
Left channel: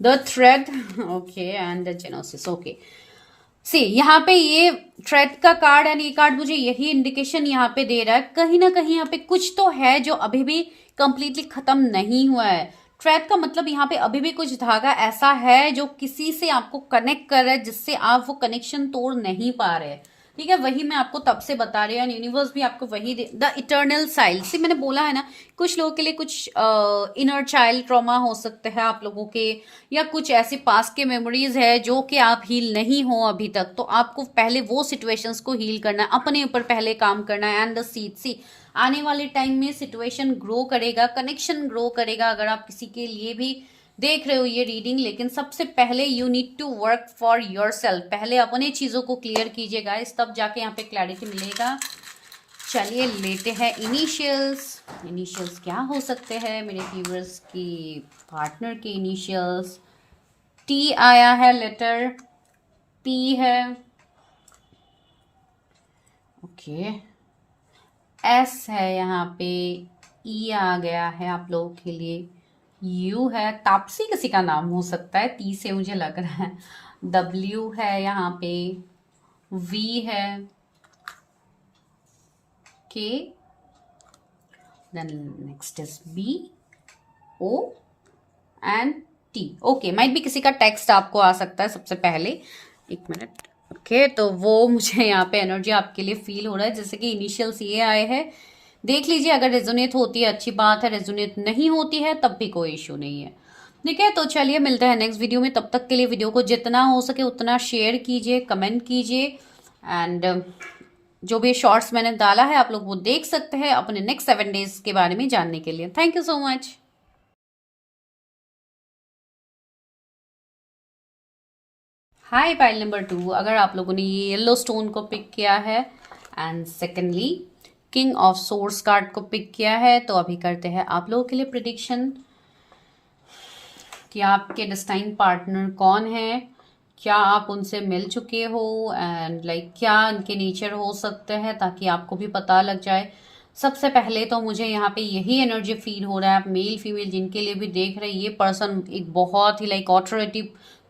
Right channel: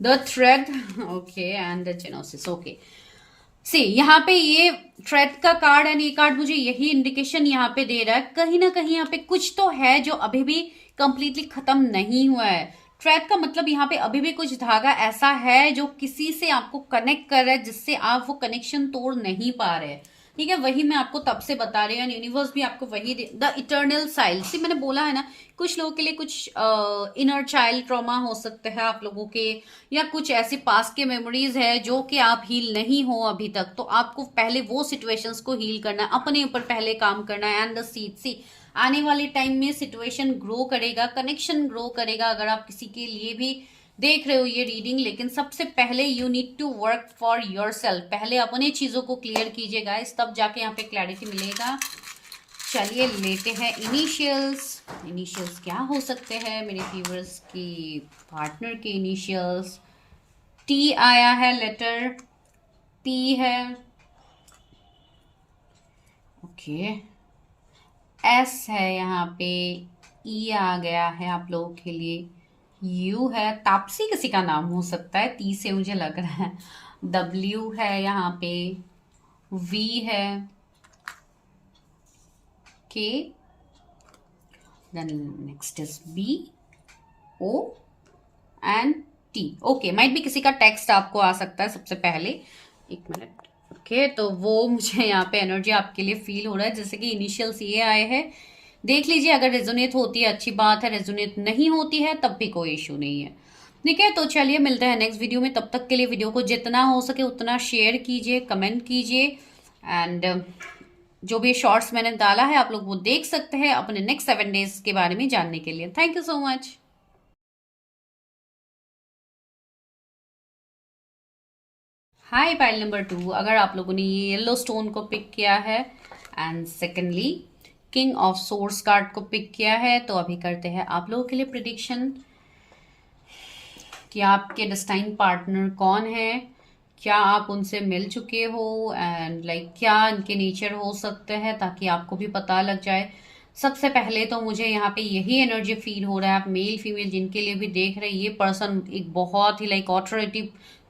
The thread, okay, and the genesis, okay. See यहाँ पे ये थ्रेड का कार्ड एंड ये कार्ड मुझे यही इंडिकेशन यहाँ पे दे रहा है, कहीं ना कहीं यहाँ पे कुछ तो है जो अभी भी कंप्लीटली खत्म नहीं हुआ है। थ्रेड का मतलब यहाँ पे अभी भी कुछ धागा ऐसा है जो किसी से आपको कनेक्ट कर रहा है, जिससे आप वो कनेक्शन तोड़ नहीं पा रहे। ठीक है, वही मैं आपको तब से बता रही हूँ, यूनिवर्स भी आपको वही द इटर्नल साइल से मैंने बोला है ना, कुछ लोगों के लिए कुछ इनर चाइल्ड ट्रॉमा हो सकता है आप लोगों के, या कुछ ऐसी पास्ट के मेमोरीज है जो कि आप हील नहीं हो अभी तक, तो आपको पहले वो सिचुएशंस को हील करना है, अपने ऊपर पहले काम करना है। एंड द सीड, सी आने वाले टाइम में सिचुएशन ग्रो करेगा, कनेक्शन ग्रो करेगा, अगर आप किसी के लिए भी देख रहे हो ये रीडिंग। लेकिन सबसे पहले you need to work for yourself, पहले अपने चीजों को क्लियर कीजिए गाइस, तब जाके यहाँ पे क्लैरिटी मिलेगा। चलिए लेते हैं इनिशियल्स। इनिशियल्स क्या हो सकते हैं मेरे व्यूअर्स की पार्टनर के इनिशियल्स। टी आया है लेटर, पी है, ओके, एस है यहाँ पे, ई आ गया है आप लोगों के लिए, यू है, तापसी किसी का नाम हो सकता है, टी से मुझे लग रहा है, डब्ल्यू है यहाँ पे, वी है, K, then next is B, O and T. Okay, might भी किसी का टेक्स्ट आपको आ सकता है सबसे पहले, एक मिनट। ओके, तो वो मुझे यहाँ पे एनर्जी आपके लिए फील हो रहा है, जैसे कि इनिशियल्स ये आए हैं, देख लीजिए, अगर रेजोनेट होती है अच्छी बात है, रेजोनेट नहीं होती है तब भी कोई इशू नहीं है। ठीक है, तो चलिए मिलते हैं नेक्स्ट वीडियो में, तब तक के लिए वीडियो को जितना हो सके उतना शेयर कीजिए, कमेंट कीजिए, एंड जो भी शॉर्ट्स मैंने डाला है आप लोग वो देख सकते हैं अपने नेक्स्ट 7 डेज के बारे में जानने के लिए। Thank you so much. Hi pile number 2, अगर आप लोगों ने ये येलो स्टोन को पिक किया है and secondly king of source card को पिक किया है, तो अभी करते हैं आप लोगों के लिए प्रिडिक्शन कि आपके डेस्टाइन पार्टनर कौन है, क्या आप उनसे मिल चुके हो, एंड क्या इनके नेचर हो सकते हैं, ताकि आपको भी पता लग जाए। सबसे पहले तो मुझे यहाँ पे यही एनर्जी फील हो रहा है, आप मेल फीमेल जिनके लिए भी देख रहे हैं, ये पर्सन एक बहुत ही ऑथोरिटी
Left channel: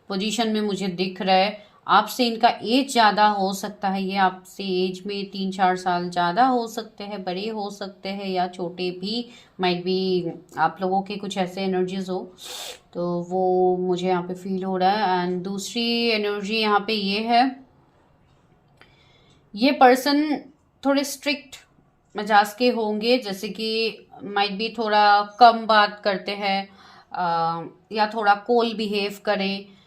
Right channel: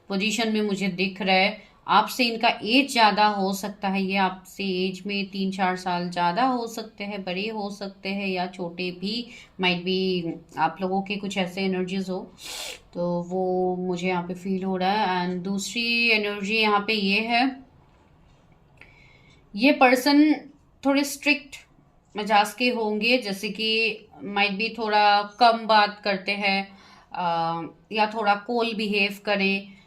पोजीशन में मुझे दिख रहा है। आपसे इनका एज ज़्यादा हो सकता है, ये आपसे एज में 3-4 साल ज़्यादा हो सकते हैं, बड़े हो सकते हैं या छोटे भी, माइट भी आप लोगों के कुछ ऐसे एनर्जीज हो, तो वो मुझे यहाँ पे फील हो रहा है। एंड दूसरी एनर्जी यहाँ पे ये है, ये पर्सन थोड़े स्ट्रिक्ट मिजाज के होंगे, जैसे कि माइट भी थोड़ा कम बात करते हैं या थोड़ा कोल बिहेव करें,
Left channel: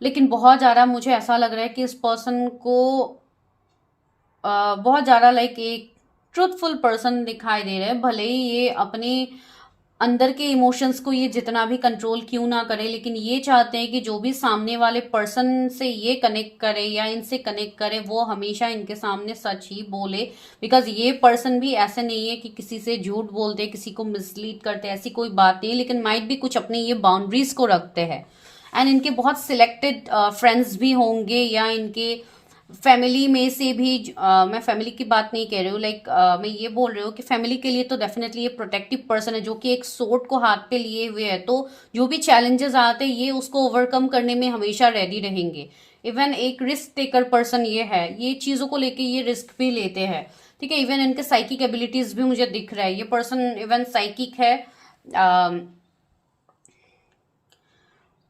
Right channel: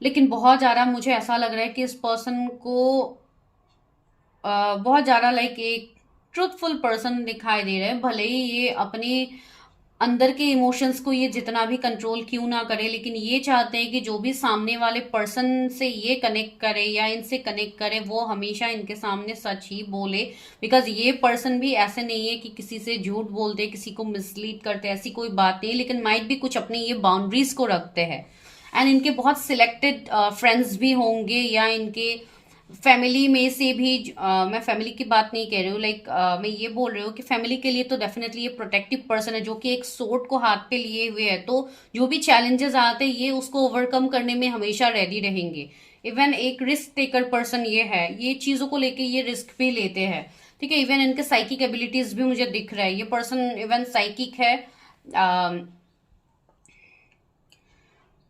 लेकिन बहुत ज़्यादा मुझे ऐसा लग रहा है कि इस पर्सन को बहुत ज़्यादा एक ट्रूथफुल पर्सन दिखाई दे रहे हैं। भले ही ये अपने अंदर के इमोशंस को ये जितना भी कंट्रोल क्यों ना करे, लेकिन ये चाहते हैं कि जो भी सामने वाले पर्सन से ये कनेक्ट करे या इनसे कनेक्ट करे वो हमेशा इनके सामने सच ही बोले, बिकॉज ये पर्सन भी ऐसे नहीं है कि किसी से झूठ बोलते, किसी को मिसलीड करते, ऐसी कोई बात नहीं, लेकिन माइट भी कुछ अपनी ये बाउंड्रीज को रखते हैं। एंड इनके बहुत सिलेक्टेड फ्रेंड्स भी होंगे, या इनके फैमिली में से भी मैं फैमिली की बात नहीं कह रही हूँ, मैं ये बोल रही हूँ कि फैमिली के लिए तो डेफिनेटली ये प्रोटेक्टिव पर्सन है, जो कि एक सोर्ड को हाथ पे लिए हुए है, तो जो भी चैलेंजेस आते हैं ये उसको ओवरकम करने में हमेशा रेडी रहेंगे। इवन एक रिस्क टेकर पर्सन ये है, ये चीज़ों को लेके ये रिस्क भी लेते हैं। ठीक है, इवन इनके साइकिक एबिलिटीज भी मुझे दिख रहा है, ये पर्सन इवन साइकिक है,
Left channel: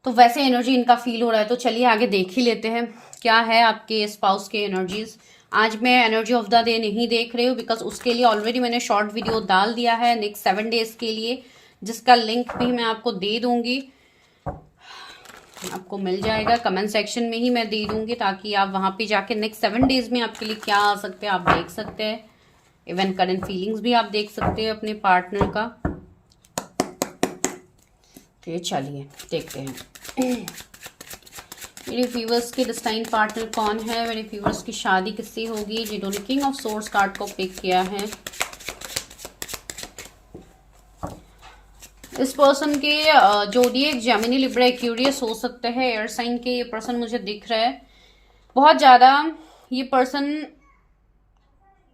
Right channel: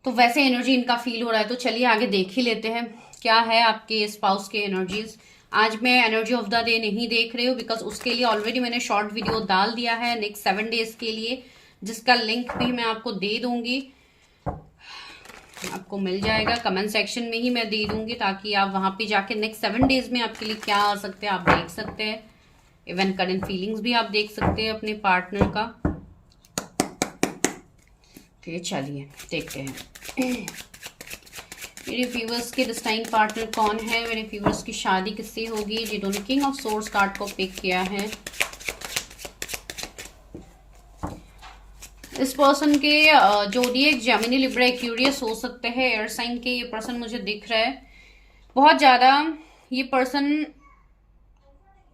तो वैसे एनर्जी इनका फील हो रहा है। तो चलिए आगे देख ही लेते हैं क्या है आपके स्पाउस के एनर्जीज। आज मैं एनर्जी ऑफ द डे नहीं देख रही हूँ, बिकॉज उसके लिए ऑलरेडी मैंने शॉर्ट वीडियो डाल दिया है नेक्स्ट 7 डेज के लिए, जिसका लिंक भी मैं आपको दे दूंगी, आपको मिल जाएगा कमेंट सेक्शन में ही मैं दे दूंगी, ताकि आप वहां पे जाके नेक्स्ट 7 डेज में आपके लिए क्या आ सकते हैं आप देख सकते हैं। इवन करंट फीलिंग्स भी आप देख सकते हैं अपने पार्टनर का। तो चलिए देखते हैं मेरे व्यूवर्स के डेस्टाइन पार्टनर कौन है, मेरे व्यूवर्स की शादी किससे होगी जिन्होंने किंग ऑफ सोर्स कार्ड को पिक किया है। इस पर्सन के जोडिएक जेमिनी लिब्रा एक्वेरियस हो सकते हैं, एयर साइन के ये पर्सन मुझे दिख रहा है। बहुत ज्यादा ये पर्सन,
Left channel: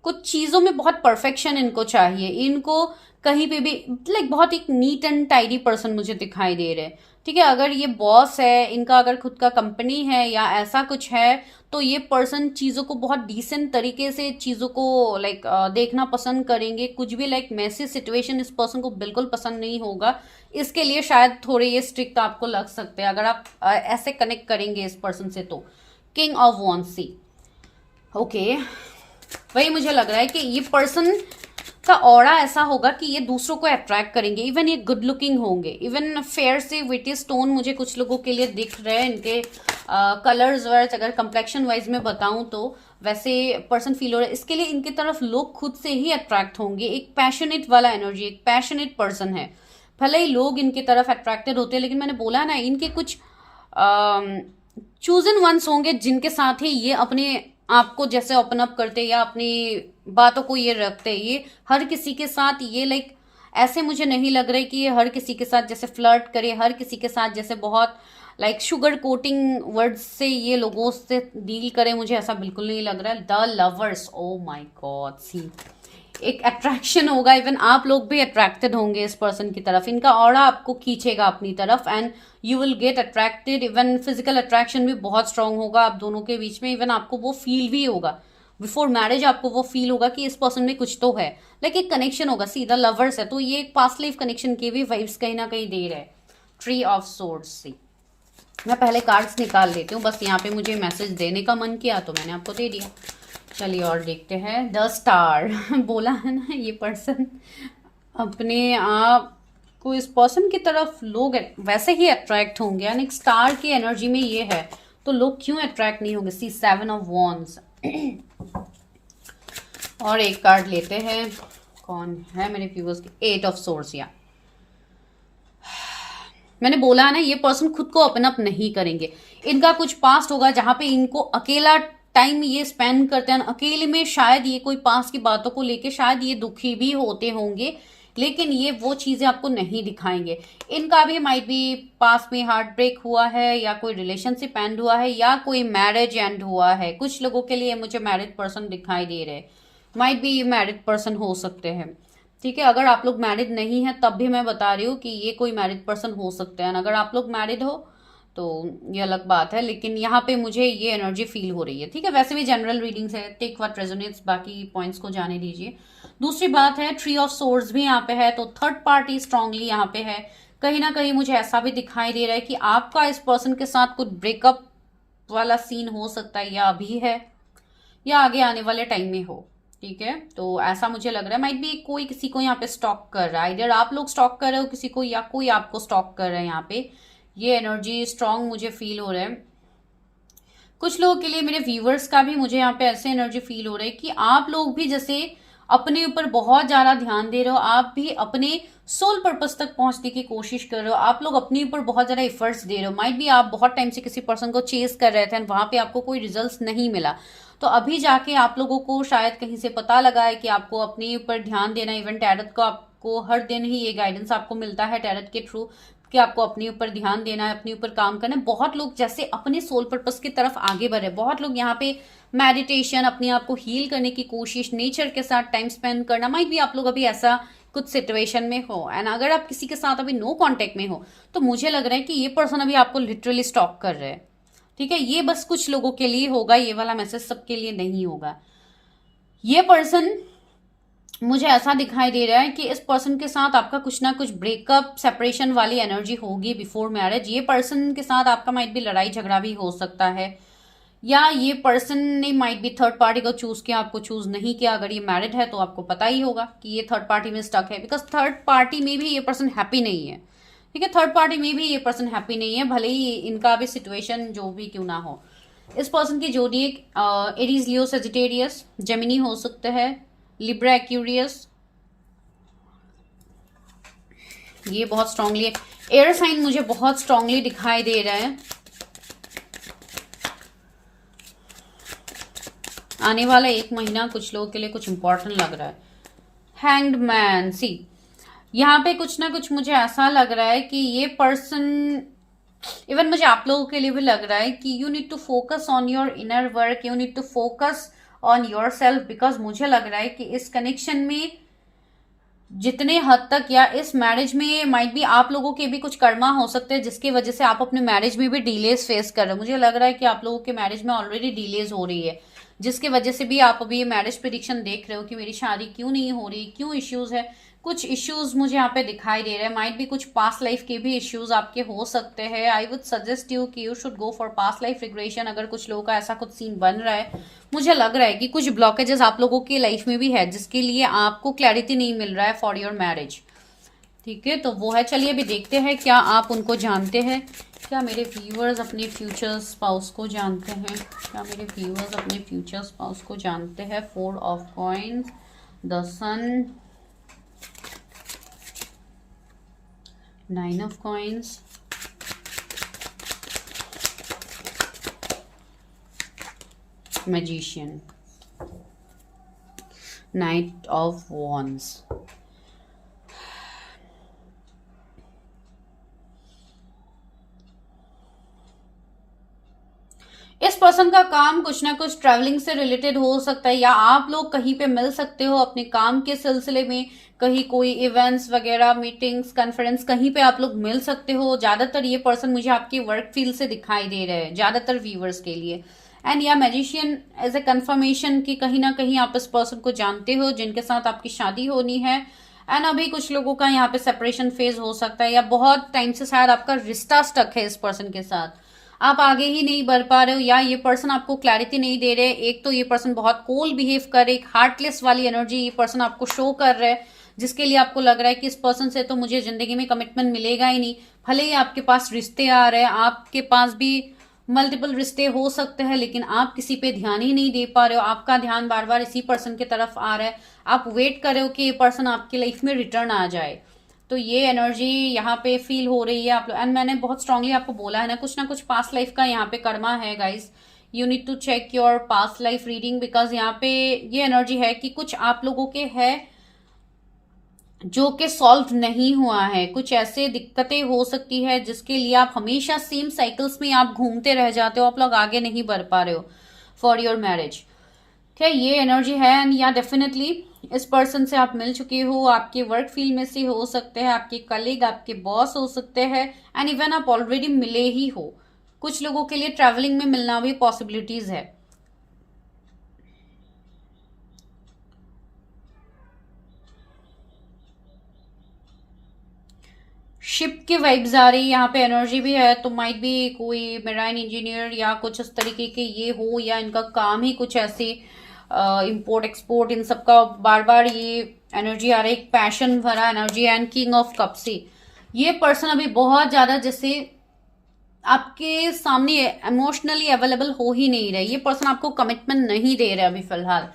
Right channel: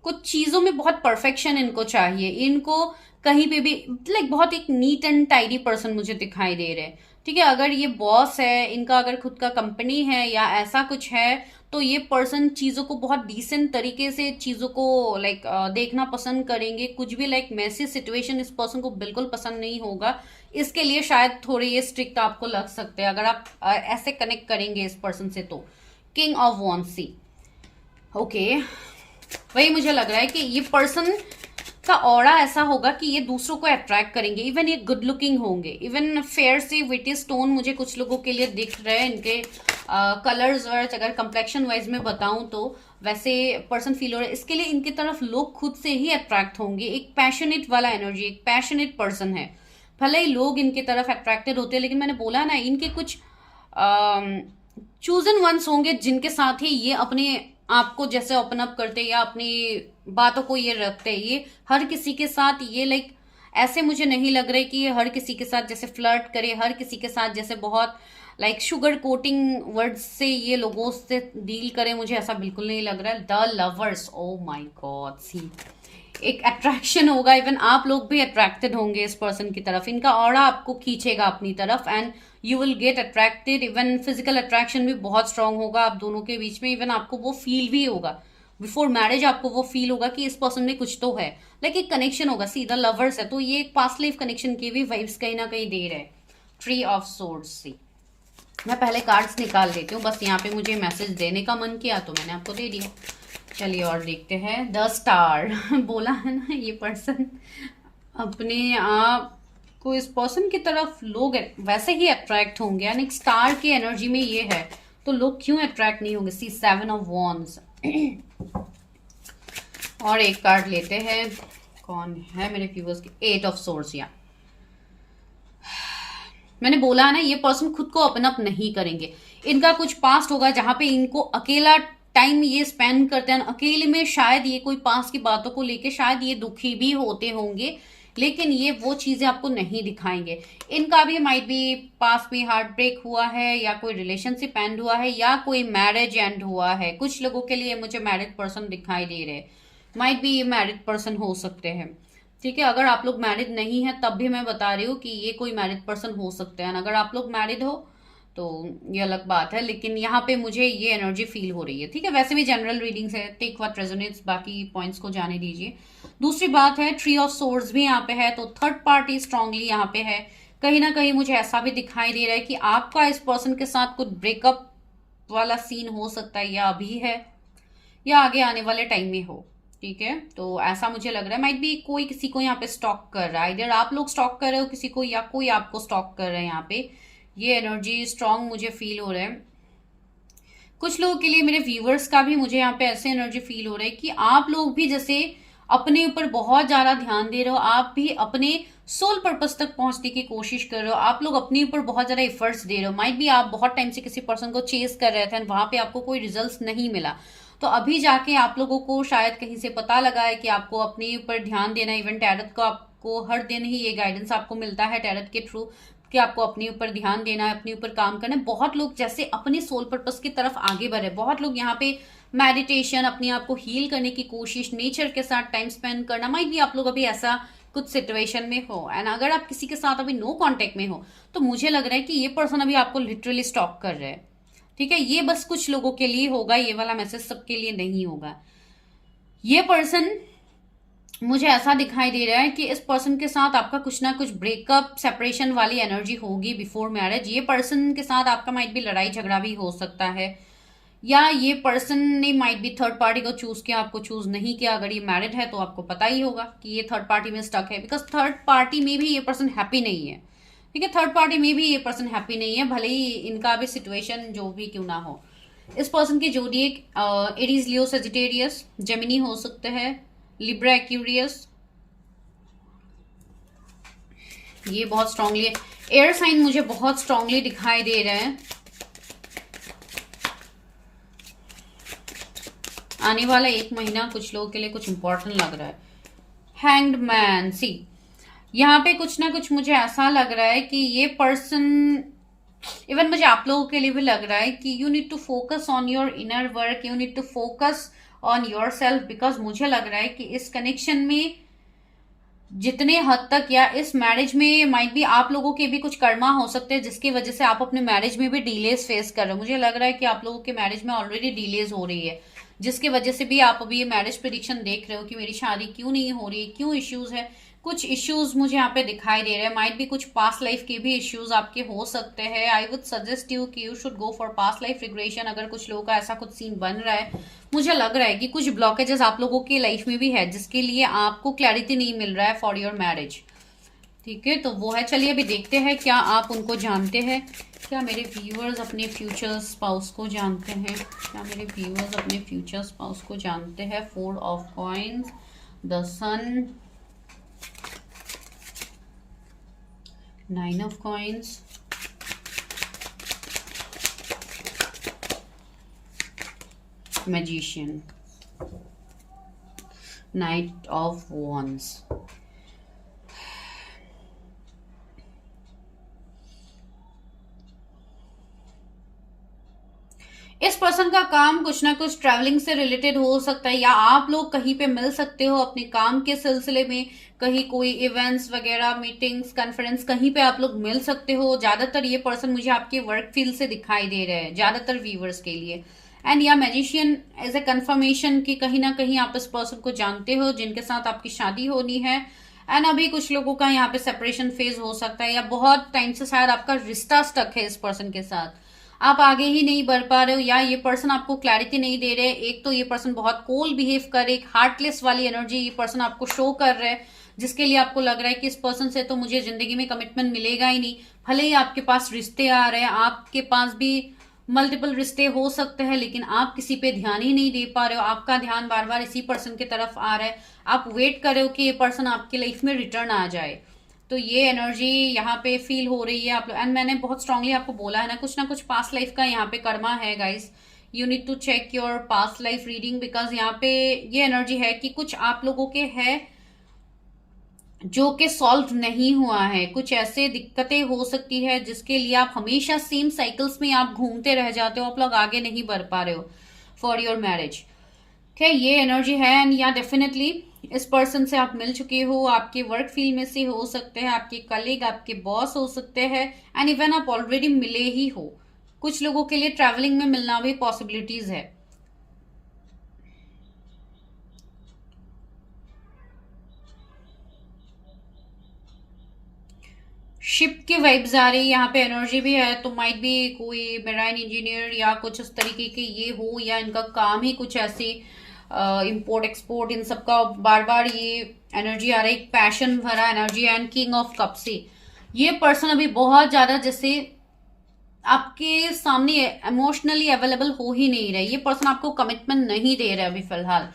कुछ चीजों में बहुत परफेक्शन इनको चाहिए, इनको कहीं पे भी लाइक बहुत एक नीट एंड टाइडी पर्सन मुझे दिखाई दे रहे हैं। ठीक है, अगर ये बॉस है इनका, अगर खुद का कंपनी है या ऐसा कुछ है, तो ये पर्सन चीजों को बहुत डिसेंट तरीके से चीजों को लाइक देखना पसंद करेंगे। कुछ भी लाइक मैसी सिचुएशन इस पर्सन को बिल्कुल पसंद नहीं होगा। इसके लिए शायद थोड़े ये स्ट्रिक्ट आपको लग सकते हैं अगर आप ऐसे कनेक्ट करेंगे इस पर्सन से तो। King of wands, see okay, वही मुझे लग रहा है कि ये पर्सन का ऑरा ऐसा होगा कि ये दूसरों को अट्रैक्ट करेंगे। इवन ये गुड लुकिंग होंगे, इवन फेयर से विटी स्टोन मुझे कुछ लोगों के लिए दिख रहे हैं। इनके कलर्स वाइज, अगर कंप्लेक्शन वाइज में बताऊं तो वैसे पर्सन फील हो रहा है। इसके लिए इनकी तरफ लोग खुद से ही अट्रैक्ट होंगे। एक पैशनेट वाला एनर्जी, एक पैशनेट पर्सन है। भले ही लोग इनकी तरफ अट्रैक्टेड होते हैं, लेकिन मैंने बोला ना इनके कुछ चूजन वंस होंगे जिनके साथ ही ये अपने आपको जैसे ओपन अप करते या अपनी बातों को ये रखते। ये हर किसी के साथ ये लाइक ऐसे मुझे नहीं लग रहा है कि ये हर किसी के साथ जैसे फ्लर्ट करे, हर किसी के साथ जैसे बहुत लाइक शुगर कोटिंग वर्ड्स से ये लोगों से डील करे। मुझे ऐसा बिल्कुल नहीं लग रहा है। The lovers, oh my god, see एक अट्रैक्शन होगा। इवन आप लोग भी अट्रैक्टेड होंगे इस पर्सन की तरफ। इनका ऑरा आपको खींचेगा अपनी तरफ and you will get attracted. Even physical attraction भी बहुत स्ट्रांग होगा आप दोनों के बीच में। इवन आपको वो फील भी होगा बिफोर मैरिज, आपको वो फील होगा कि इस पर्सन में कुछ तो है, लाइक एक कनेक्शन होगा। सीधा लवर्स है तो ये एक पास्ट लाइफ कनेक्शन की भी वाइब्स कहीं ना कहीं दे रहे हैं। ट्री ऑफ सोर्ड्स, सी मैं पहले कार्ड्स निकाल लेती हूँ, बस यहाँ पे मुझे मैसेज देने का मन किया तो मैंने आपको दे दिया। चलिए और देखते हैं। द स्टार बोला है ना, ये पर्सन अपने आप को इस पर्सन की तरफ लोग वैसे ही अट्रैक्ट होंगे। यानी स्टार की एनर्जी में ये है तो लोग क्यों अट्रैक्ट नहीं होंगे। सी 7 ऑफ वॉन्ड्स। और एक कार्ड लेते हैं, कौन है मेरे व्यूअर्स के। 8 ऑफ सोर्स। या मैंने बोला है ना ये पर्सन खुद को ओपन अप नहीं करेंगे। इनका कुछ पास्ट होगा जहां पे इनको अकेला टाइम ये स्पेंड करते हैं अकेले में। शायद ये कोई पास की बातों को लेके शायद ये दुखी भी होते होंगे, लेकिन ये वो चीजें आपको नहीं दिखाएंगे। इनका भी माइट भी पास में हार्ट ब्रेक हुआ है, या कोई रिलेशनशिप एंड हुआ है, या कोई मैरिज एंड हुआ है। कुछ लोगों के लिए मुझे मैरिड पर्सन दिखाई दे रहे हैं। माइट भी ये मैरिड पर्सन हो सकते हैं। ठीक है, अगर आप लोग मैरिड नहीं है तब भी मैं बता रही हूँ कि ये कोई मैरिड पर्सन हो सकते हैं। अगर आप लोग मैरिड हो तो ये अलग बात है, लेकिन यहाँ पे मुझे ये एनर्जी फील हो रही है। ठीक है, वैसे भी जनरल रीडिंग्स है, टेक व्हाट रेजोनेट्स, बाकी पॉइंट्स को जाने दीजिए। दूसरी बात है ट्री ऑफ सोर्ड्स भी यहाँ पे है, तो थर्ड पार्टी स्ट्रांगली यहाँ पे है। कहीं ना कहीं मुझे ऐसा भी दिखाई दे रहा है कि आपका इस पर्सन के साथ कुछ ब्रेकअप वाला सीन हो सकता है, या अभी है या आगे आने वाले टाइम में हो। ठीक है, तो ऐसा मुझे लग रहा है। माइट भी कोई किसी को यहाँ पे स्टॉक कर रहा है, इधर आप लोग स्टॉक कर रहे हो किसी को, या कोई आपको स्टॉक कर रहा है। यहाँ पे ये एनर्जी स्ट्रांग मुझे फील हो रहा है। कुछ लोगों के लिए, मेरे व्यूवर्स का भी मुझे यहाँ पे ऐसे एनर्जी फील हो रहा है कि आप लोग भी जैसे अपने ऊपर बहुत ज्यादा ध्यान दे रहे हो, आप भी अपने सोल पर्पस तक पहुंचने की कोशिश कर रहे हो। आप लोग अपने ऊपर बहुत ज्यादा एफर्ट्स दे रहे हो। माइट भी आप बहुत टाइम से किसी पर्सन को चेस कर रहे थे वहां पे आपको कोई रिजल्ट नहीं मिला, तो अभी जाके आप लोगों को शायद कहीं से पता लगा है कि आपको अपने ऊपर ध्यान देना। इवन टैरट को आपको हर दिन ही ये गाइडेंस आपको मिलता है टैरट के थ्रू कि आपको अपने ऊपर ध्यान देना है, अपने ऊपर काम करना है। बहुत लोग जैसे अपने सोल पर्पस की तरफ आगे बढ़े। बहुत लोग यहाँ पे मेडिटेशन, अपने आप को हील करने की कोशिश, नेचर के साथ टाइम स्पेंड करना। माइट भी आप लोग अभी ऐसा कुछ सिचुएशन में हो, एंड अगर आप किसी के साथ अभी नो कांटेक्ट में हो तो मुझे लग रहा है कि ये पर्सन अभी आपको लिटरली स्टॉक कर रहे हैं। ठीक है, ये बस कुछ लोगों के लिए होगा, ये वाला मैसेज सबके लिए नहीं होगा। ये पर्सन मुझे ऐसा दिखाई दे रहा है कि इस पर्सन के साथ आपका कुछ ना कुछ ब्रेकअप, सेपरेशन वाली एनर्जी होगी बिफोर मैरिज। ये पर्सन के साथ आपका माइट भी लड़ाई झगड़ा भी हो सकता है, या ये पर्सन ने माइट भी थर्ड पार्टी को चूज किया, आपको चूज नहीं किया। अगर ये मैरिड है तो आपको पता ही होगा कि ये थर्ड पार्टी में स्टक है, बिकॉज थर्ड पार्टी में भी ये पर्सन हैप्पी नहीं है। ठीक है, थर्ड पार्टी में भी ये पर्सन हैप्पी नहीं है, भले ही इनका भी सिचुएशन जो भी क्यों ना हो। इस पर्सन की जोडिएक एरीज, लियो, सेजिटेरियस, जेमिनी हो सकते हैं, लिब्रा, एक्यूरियस। ये बहुत स्ट्रांगली एयर साइन मुझे बहुत स्ट्रांगली दिखाई दे रहा है। आने वाला एक महीना कुछ लोगों के लिए कुछ इंपॉर्टेंट लग रहा है। हैंग्ड मैन, सी यहाँ पे कुछ ना कुछ मुझे ऐसा लग रहा है कि ये पर्सन इवन मुझे आप लोगों के लिए भी लग रहा है कि you need to focus on your inner work, you need to focus on yourself, because मुझे लग रहा है कि इस कनेक्शन में जितने हद तक या इस मैरिज में माइट भी आप लोगों के भी कुछ कर्मा हो सकते हैं जिसकी वजह से आप अपने मैरिज में भी डिलेज फेस कर रहे हो। मुझे लग रहा है कि आप लोगों के मैरिज में ऑलरेडी डिलेज हो रही है, जिसकी वजह से भी आप अभी ये मैरिज प्रेडिक्शन देख रहे हो कि मेरी शादी क्यों नहीं हो रही, क्यों इश्यूज है। कुछ इश्यूज मुझे यहाँ पे दिखाई दे रहे हैं, माइट भी कुछ पास्ट लाइफ के भी इश्यूज आपके हो सकते हैं। आई वुड सजेस्ट यू कि you should go for past life regression. अगर कुछ लोगों का ऐसा कुछ सीन बन रहा है, मुझे लग रहा है कि कुछ ब्लॉकेजेस आप लोगों की लाइफ में भी है जिसके लिए आपको क्लैरिटी नहीं मिल रहा है फॉर योर मैरिज। ठीक है, तो वो है। चलिए अभी देखते हैं क्या आप उनको जानते हैं, क्या मेरे व्यूअर्स अपने फ्यूचर स्पाउस को जानते हैं, क्या मेरे व्यूअर्स अपने फ्यूचर स्पाउस को जानते हैं। 4 of coins, the sun, 9 of coins, magician, knight of wands. इस पर्सन का काम कुछ ना कुछ ट्रैवलिंग से रिलेटेड हो सकता है, या आप लोग कहीं पे मिल सकते हो अपने काम के सिलसिले में, कहीं कोई इवेंट्स वगैरह, मीटिंग्स, कॉन्फ्रेंस, कहीं पे आप लोग मिल सकते हो। ज्यादातर ये पर्सन मुझे आपके वर्क फील्ड से दिखाई दे रहे हैं, ज्यादातर व्यूवर्स के लिए। एंड या मैजिशियन एज ए कंफर्मेशन कि कहीं ना कहीं आप इस पर्सन को जानते हो जिनके साथ आपकी शादी होनी है। एंड अभी कुछ लोगों का यहाँ पे सेपरेशन फेज हो सकता है, या बहुत टाइम से शायद आपका रिश्ता स्टक है इस पर्सन के साथ, आप आगे ही नहीं बढ़ पा रहे हो, या ये पर्सन आपको क्लैरिटी नहीं दे रहे। एक तो ये पर्सन बहुत कोल्ड बिहेव कर रहे, एक हार्टलेस वाली एनर्जी ये पर्सन आपको शो कर रहा है, जिसके लिए आपको लग रहा है कि इस पर्सन से तो मुझे जिंदगी में कमिटमेंट मिलेगा ही नहीं। भले ही आपके पास रिश्ते आ रहे हैं, आपके पास भी मल्टीपल रिश्ते हो सकते हैं, लेकिन आप किसी पे ध्यान ही नहीं दे पा रहे हो। आपका ध्यान बार बार इसी पर्सन की तरफ आ रहा है, आप वेट कर रहे हो कि ये पर्सन आपकी लाइफ में रिटर्न आ जाए। तो ये एनर्जी यहाँ पे फील हो रही है आप लोग। एंड मैंने बहुत स्ट्रांगली आपको बोला है ना कुछ पास्ट लाइफ का यहाँ पे कर्मा है guys. You need to check your past life reading, because यहाँ पे ये एनर्जी है कि कुछ आप लोगों के है जो कि सॉल्व नहीं हुआ है। कुछ ऐसे दिक्कतें हो सकती है जिसके लिए आप हमेशा सेम साइकिल्स में आप घूमते रह जाते हो, आप लोग आगे नहीं बढ़ पा रहे हो फॉर योर मैरिज। ठीक है, ये एनर्जी है। एंड या डेफिनेटली इस पर्सन से आप मिल चुके हो, आपके वर्क फील्ड में से हो सकते हैं, आपके कलीग, आपके बॉस हो सकते हैं, एंड इवन आप ऑलरेडी मिले ही हो। कुछ लोगों के लिए ट्रैवलिंग में मिलना भी पॉसिबिलिटीज है। शिप की वाइब्स आ रही, यहाँ पे एनर्जी भी है, तो माइट भी कोई मेराइन इंजीनियर या कुछ इस तरीके के ये हो, या इनका काम ही कुछ ऐसे इंपोर्ट एक्सपोर्ट इन सब का बार बार ये एनर्जी आ रही, एक पैशन भरा energy. And king of cup से ये पर्सन अभी बहुत ज्यादा जैसे आपके सामने इमोशनली अवेलेबल हो ही नहीं रहे, ये पर्सन आपको कमिटमेंट नहीं दे रहे अभी फिलहाल।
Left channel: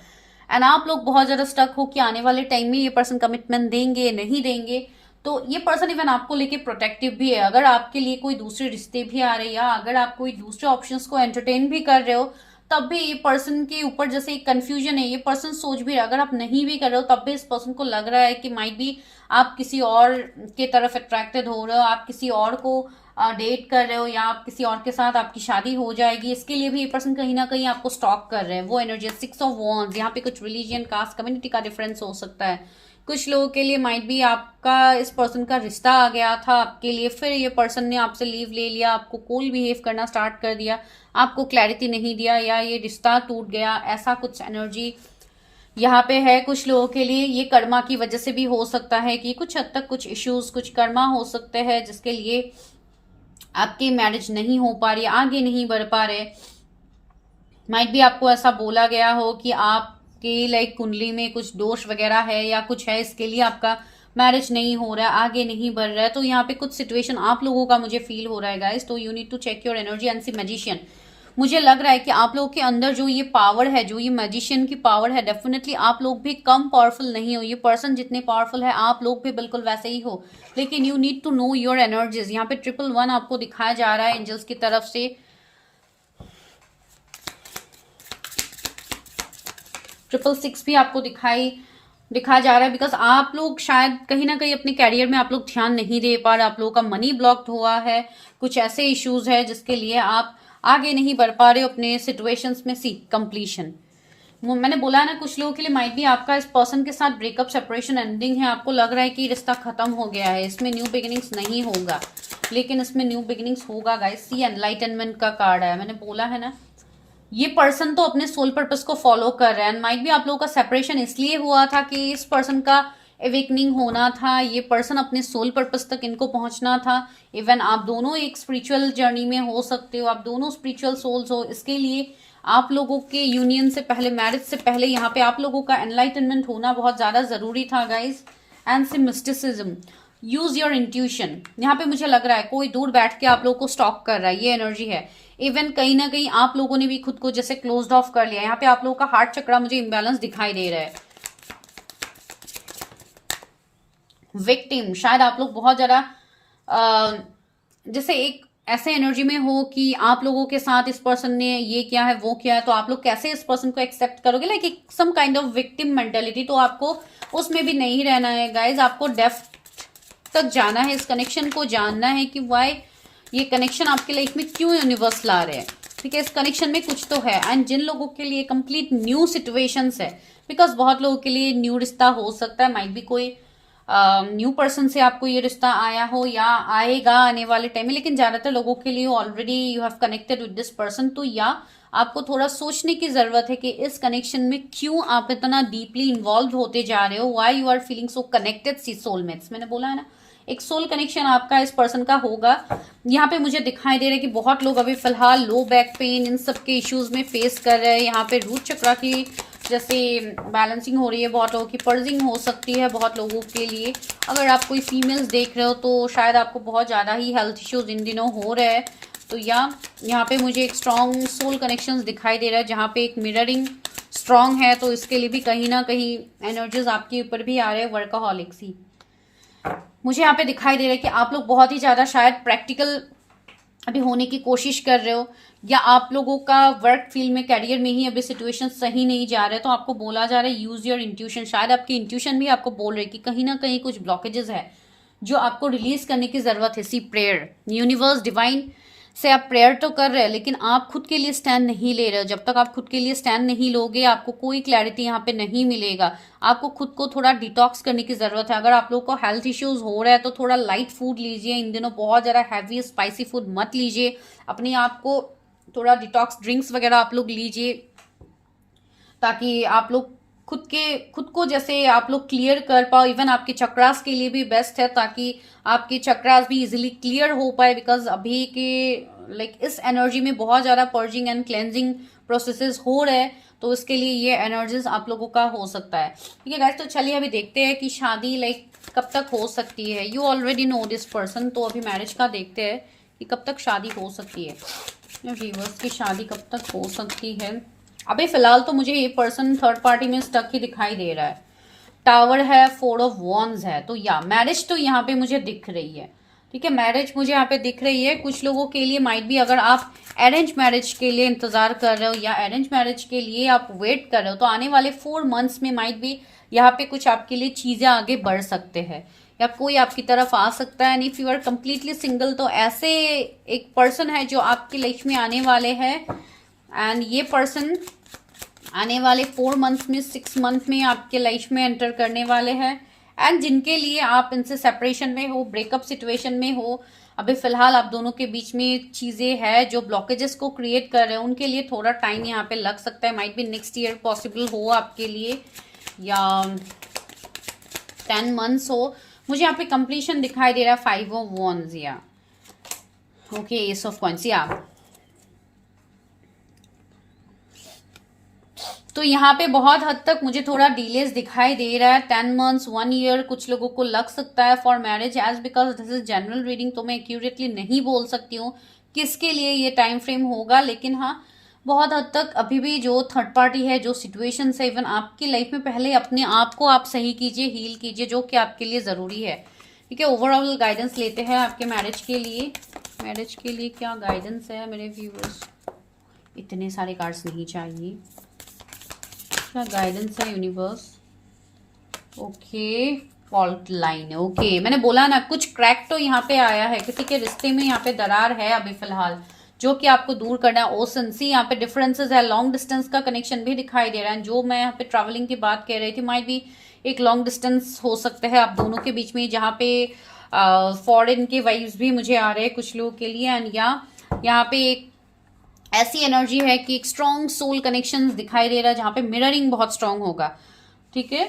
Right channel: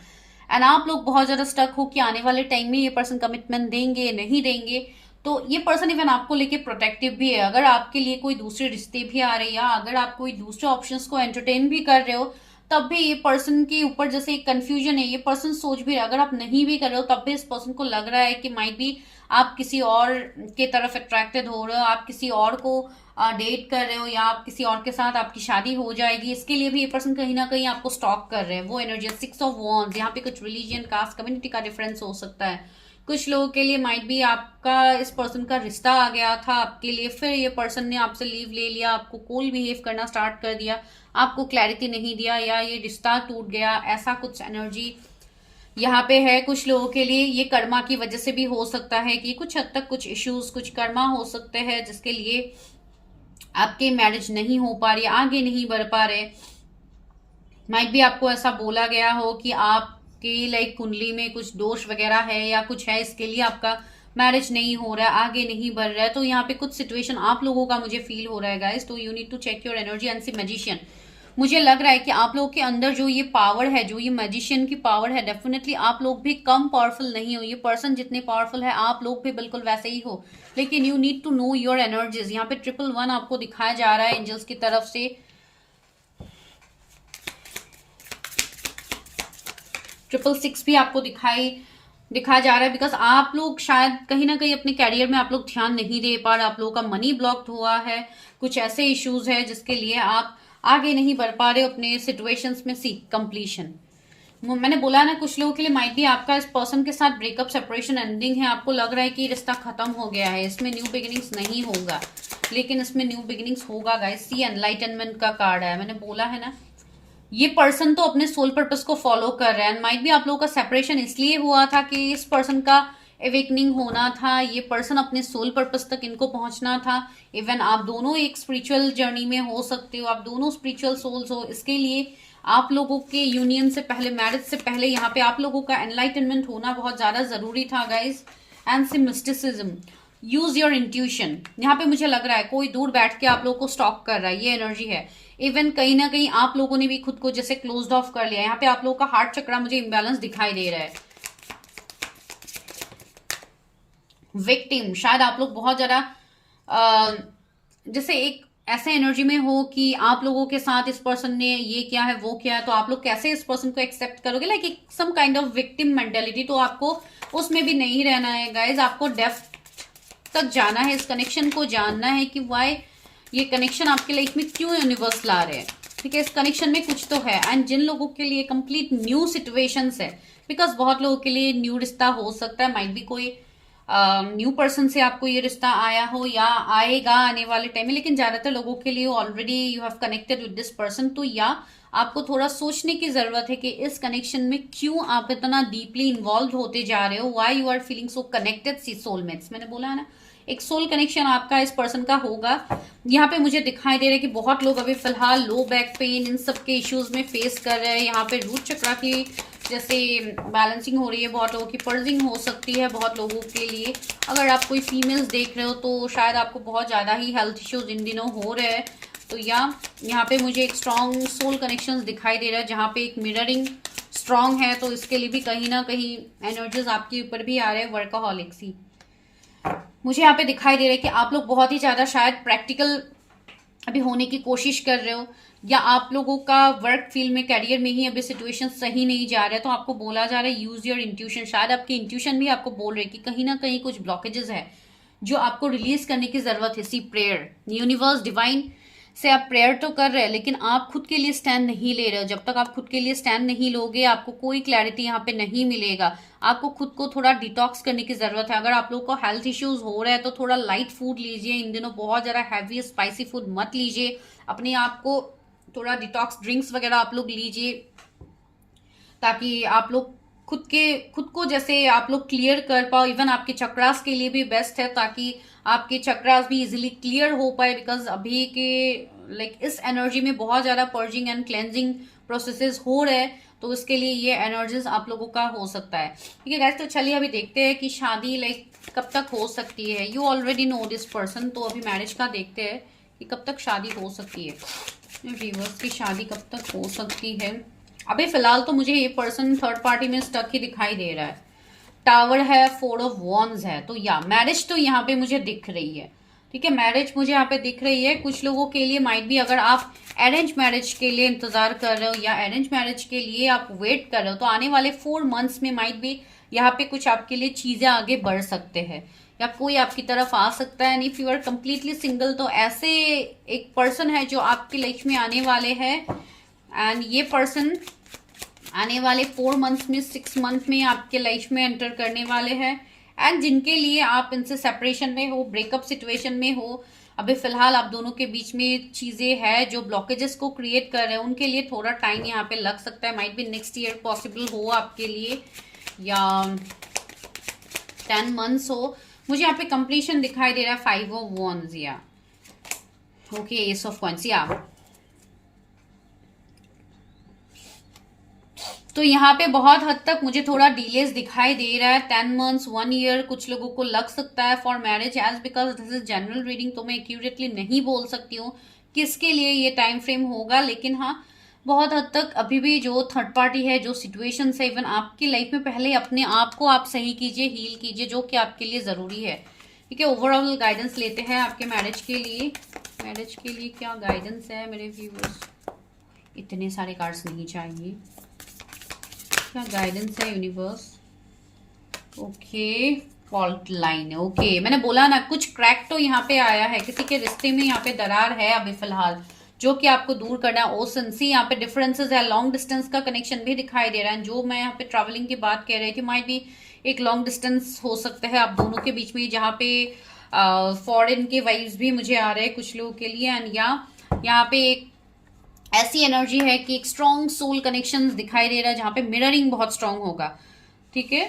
एंड आप लोग बहुत ज्यादा स्टक हो कि आने वाले टाइम में ये पर्सन कमिटमेंट देंगे नहीं देंगे। तो ये पर्सन इवन आपको लेके प्रोटेक्टिव भी है। अगर आपके लिए कोई दूसरे रिश्ते भी आ रहे हैं, या अगर आप कोई दूसरे ऑप्शंस को एंटरटेन भी कर रहे हो, तब भी ये पर्सन के ऊपर जैसे एक कंफ्यूजन है, ये पर्सन सोच भी रहा है। अगर आप नहीं भी कर रहे हो तब भी इस पर्सन को लग रहा है कि माइट भी आप किसी और के तरफ अट्रैक्टेड हो रहे हो, आप किसी और को डेट कर रहे हो, या आप किसी और के साथ आपकी शादी हो जाएगी, इसके लिए भी ये पर्सन कहीं ना कहीं आपको स्टॉक कर रहे हैं। वो एनर्जी 6 ऑफ वॉन्ड्स, यहाँ पे कुछ रिलीजियन, कास्ट, कम्युनिटी का डिफरेंस हो सकता है। कुछ लोगों के लिए माइट भी आपका इस पर्सन का रिश्ता आ गया था आपके लिए, फिर ये पर्सन ने आपसे लीव ले लिया, आपको कोल बिहेव करना स्टार्ट कर दिया, आपको क्लैरिटी नहीं दिया, या ये रिश्ता टूट गया, ऐसा कुछ एनर्जी यहाँ पे है। कुछ लोगों के लिए ये कर्मा की वजह से भी हो सकता है कि कुछ हद तक कुछ इश्यूज, कुछ कर्मा हो सकते हैं जिसके लिए आपकी मैरिज नहीं हो पा रही, आगे नहीं बढ़ पा रहे। माइट भी आपको ऐसा बोला गया हो कि आपके लाइक कुंडली में कुछ दोष वगैरह है या कुछ है, इसके लिए आपका मैरिज नहीं हो रहा है, आगे नहीं बढ़ रहा है। तो यहाँ पे कुछ सिचुएशन आप लोगों का मुझे फील हो रहा है गाइस। तो you need to check your energy and see magician. मुझे लग रहा है कि आप लोगों के अंदर जो ये पावर है, जो ये मैजिशियन की पावर है, डेफिनेटली आप लोग भी कम पावरफुल नहीं हो। ये पर्सन जितने पावरफुल है आप लोग भी बिल्कुल वैसे ही हो, लेकिन you need to know your energies. यहाँ पे 111 आपको दिखाया जा रहा है एंजल्स की तरफ से। 666 भी आपको दिखाई दिखाया जा रहा है, बिकॉज आप लोग शायद कहीं ना कहीं अपने कैरियर में आप लोग ध्यान नहीं दे पा रहे, आप लोगों का मनी ब्लॉक्ड हुआ है, कुछ ऐसे इश्यूज है जिसके लिए आप आगे नहीं बढ़ पा रहे हो अपने सिचुएशंस में। सी कंप्लीशन, मैंने बोला ना, कुछ लोगों के लिए माइट भी आपका इस पर्सन के साथ ब्रेकअप, सेपरेशन, एंडिंग है। आपको लग रहा है कि रिश्ता खत्म हो गया है, इसमें न्यू बिगिनिंग्स नहीं होगा, लेकिन इसमें न्यू बिगिनिंग्स होगा गाइस। सी एनलाइटनमेंट का कार्ड है, मैंने बोला है ना, ये पर्सन तो अपने सोल पर्पस को फॉलो कर रहा है। माइट भी आप लोगों का सेपरेशन इसलिए हुआ था कि इस पर्सन का एवेकनिंग होना था, ये पर्सन अपने सोल पर्पस तक इनको पहुंचना था। इवन आप दोनों एक स्पिरिचुअल जर्नी में हो सकते हो, आप दोनों स्पिरिचुअल सोल्स हो, इसके लिए आप लोगों के यूनियन से पहले, मैरिज से पहले यहाँ पे आप लोगों का एनलाइटनमेंट होना बहुत ज्यादा जरूरी था guys. And see mysticism, use your intuition. यहाँ पे मुझे लग रहा है कोई दूर बैठ के आप लोगों को स्टॉक कर रहा है, ये एनर्जी है। इवन कहीं ना कहीं आप लोगों ने भी खुद को जैसे क्लोज्ड ऑफ कर लिया। यहाँ पे आप लोगों का हार्ट चक्रा मुझे इम्बैलेंस दिखाई दे रहा है। विक्टिम, शायद आप लोग बहुत ज्यादा जैसे एक ऐसे एनर्जी में हो कि आप लोगों के साथ इस पर्सन ने ये किया है, वो किया है, तो आप लोग कैसे इस पर्सन को एक्सेप्ट करोगे, like some kind of victim mentality. तो आपको उसमें भी नहीं रहना है गाइज, आपको डेप्थ तक जाना है, इस कनेक्शन को जानना है कि वाई ये कनेक्शन आपके लाइफ में क्यों यूनिवर्स ला रहे हैं। ठीक है, इस कनेक्शन में कुछ तो है। एंड जिन लोगों के लिए कंप्लीट न्यू सिचुएशंस है, बिकॉज बहुत लोगों के लिए न्यू रिश्ता हो सकता है, माइट भी कोई न्यू पर्सन से आपको ये रिश्ता आया हो या आएगा आने वाले टाइम में, लेकिन ज्यादातर लोगों के लिए already you have connected with this person. तो या आपको थोड़ा सोचने की जरूरत है कि इस कनेक्शन में क्यों आप इतना डीपली इन्वॉल्व होते जा रहे हो, why you are feeling so connected. See soulmates, मैंने बोला है ना, एक सोल कनेक्शन आपका इस पर्सन का होगा। यहाँ पे मुझे दिखाई दे रहा है कि बहुत लोग अभी फिलहाल लो बैक पेन, इन सब के इश्यूज में फेस कर रहे हैं। यहाँ पे रूट चक्रा की जैसे बैलेंसिंग हो रही है, बहुत लोगों की पर्जिंग हो सकती है। बहुत लोगों के लिए, अगर आप कोई फीमेल्स देख रहे हो तो शायद आपको बहुत ज़्यादा ही हेल्थ इश्यूज इन दिनों हो रहे हैं। तो या यहाँ पे मुझे एक स्ट्रॉन्ग सोल कनेक्शंस दिखाई दे रहा है, जहाँ पे एक मिररिंग स्ट्रॉन्ग है। तो इसके लिए भी कहीं ना कहीं एनर्जीज आपके ऊपर भी आ रहे हैं, वर्काहॉलिक्स ही मुझे यहाँ पे दिखाई दे रहा है कि आप लोग बहुत ही ज्यादा शायद प्रैक्टिकल अभी होने की कोशिश कर रहे हो, या आप लोगों का वर्क फील्ड में, कैरियर में ही अभी सिचुएशन सही नहीं जा रहा है। तो आपको बोला जा रहा है यूज योर इंट्यूशन। शायद आपकी इंट्यूशन भी आपको बोल रही है कि कहीं ना कहीं कुछ ब्लॉकेजेस है जो आपको रिलीज करने की जरूरत है। सी प्रेयर, यूनिवर्स, डिवाइन से आप प्रेयर तो कर रहे हैं, लेकिन आप खुद के लिए स्टैंड नहीं ले रहे हो। जब तक आप खुद के लिए स्टैंड नहीं लोगे, आपको कोई क्लैरिटी यहाँ पे नहीं मिलेगा। आपको खुद को थोड़ा डिटॉक्स करने की जरूरत है। अगर आप लोगों को हेल्थ इश्यूज हो रहा है तो थोड़ा लाइट फूड लीजिए इन दिनों, बहुत ज्यादा हैवी स्पाइसी फूड मत लीजिए। अपने आप को थोड़ा डिटॉक्स ड्रिंक्स वगैरह आप लोग लीजिए, ताकि आप लोग खुद को जैसे आप लोग क्लियर कर पाओ। इवन आपके चक्रास के लिए भी बेस्ट है, ताकि आपके चक्रास भी इजीली क्लियर हो पाए। बिकॉज अभी के इस एनर्जी में बहुत ज्यादा पर्जिंग एंड क्लेंजिंग प्रोसेसेस हो रहे हैं। तो इसके लिए ये एनर्जीज आप लोगों का हो सकता है। ठीक है गाइस, तो चलिए अभी देखते हैं कि शादी कब तक हो सकती है। You already know this person, तो अभी मैरिज का देखते हैं कि कब तक शादी हो सकती है। व्यूअर्स की शादी कब तक हो सकती है। अभी फिलहाल तो मुझे ये पर्सन थर्ड पार्टी में स्टक ही दिखाई दे रहा है। टावर है, 4 ऑफ वॉन्ड्स है, तो या मैरिज तो यहाँ पे मुझे दिख रही है। ठीक है, मैरिज मुझे यहाँ पे दिख रही है। कुछ लोगों के लिए माइट भी, अगर आप अरेंज मैरिज के लिए इंतजार कर रहे हो या अरेंज मैरिज के लिए आप वेट कर रहे हो, तो आने वाले 4 मंथ्स में माइट भी यहाँ पे कुछ आपके लिए चीजें आगे बढ़ सकते हैं, या कोई आपकी तरफ आ सकता है। And if you are completely single, तो ऐसे एक पर्सन है जो आपकी लाइफ में आने वाले हैं। एंड ये पर्सन आने वाले 4 मंथ्स में, 6 मंथ में आपके लाइफ में एंटर करने वाले हैं। एंड जिनके लिए आप इनसे सेपरेशन में हो, ब्रेकअप सिचुएशन में हो, अभी फिलहाल आप दोनों के बीच में चीजें हैं जो ब्लॉकेजेस को क्रिएट कर रहे हैं, उनके लिए थोड़ा टाइम यहाँ पे लग सकता है। Might be next year possible हो आपके लिए, या 10 मंथ्स हो। मुझे यहाँ पे कंप्लीशन दिखाई दे रहा है, 5 ऑफ वॉन्ड्स, या ओके, एस ऑफ कॉइंस, या तो यहाँ पे बहुत हद तक मुझे थोड़ा डिलेस दिखाई दे रहा है। 10 मंथ्स, 1 ईयर कुछ लोगों को लग सकता है for marriage. As because this is general reading, तो मैं एक्यूरेटली नहीं बोल सकती हूँ किसके लिए ये टाइम फ्रेम होगा। लेकिन हाँ, बहुत हद तक अभी भी जो थर्ड पार्टी है, जो सिचुएशन है, इवन आपकी लाइफ में, पहले अपने आप को आप सही कीजिए, हील कीजिए, जो कि आपके लिए जरूरी है। ठीक है, ओवरऑल गाइडेंस लेते हैं आपके मैरिज के लिए। मैरिज के लिए क्या गाइडेंस है मेरे व्यूअर्स? इतने सारे कार्ड्स नहीं चाहिए। क्या गाइडेंस है यूनिवर्स? ओके, फॉल्ट लाइन है। ओके, मैंने बोला ना कुछ क्रैक तो यहाँ पे आया है, किसी के रिश्ते में यहाँ पे दरार है अभी फिलहाल, जो कि आपको दूर करना है। ओसन सी यहाँ पे डिफरेंसेस है, लॉन्ग डिस्टेंस का कनेक्शन भी दिखाई दे रहा है। जो मैं यहाँ पे ट्रैवलिंग की बात कह रही थी, माइट भी एक लॉन्ग डिस्टेंस हो सकता है आप दोनों के बीच में, जहाँ पे फॉरेन के वाइब्स भी मुझे आ रहे हैं कुछ लोगों के लिए। एंड या यहाँ पे एक ऐसी एनर्जी है कि एक स्ट्रॉन्ग सोल कनेक्शन दिखाई दे रहा है, जहां पे मिररिंग बहुत स्ट्रांग होगा। ठीक है,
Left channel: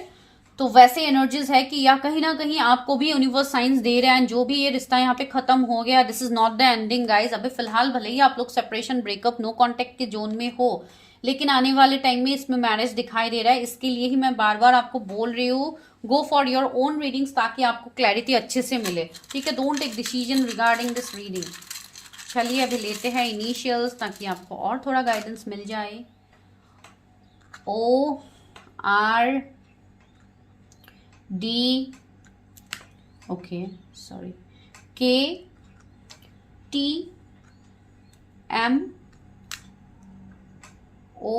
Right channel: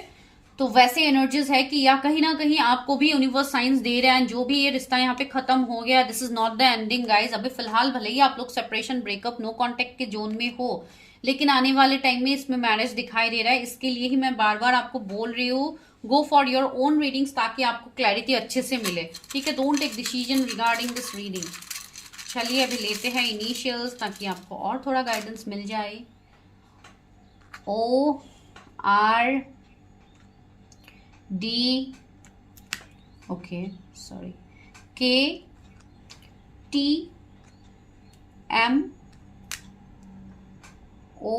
तो वैसे एनर्जीज है कि या कहीं ना कहीं आपको भी यूनिवर्स साइंस दे रहा है, जो भी ये रिश्ता यहाँ पे खत्म हो गया, this is not the ending guys. अभी फिलहाल भले ही आप लोग सेपरेशन, ब्रेकअप, नो कॉन्टेक्ट के जोन में हो, लेकिन आने वाले टाइम में इसमें मैरिज दिखाई दे रहा है। इसके लिए ही मैं बार बार आपको बोल रही हूँ, go for your own readings, ताकि आपको क्लैरिटी अच्छे से मिले। ठीक है, don't take decision regarding this reading. चलिए अभी लेते हैं इनिशियल्स, ताकि आपको और थोड़ा गाइडेंस मिल जाए। O R D, okay sorry, K T M O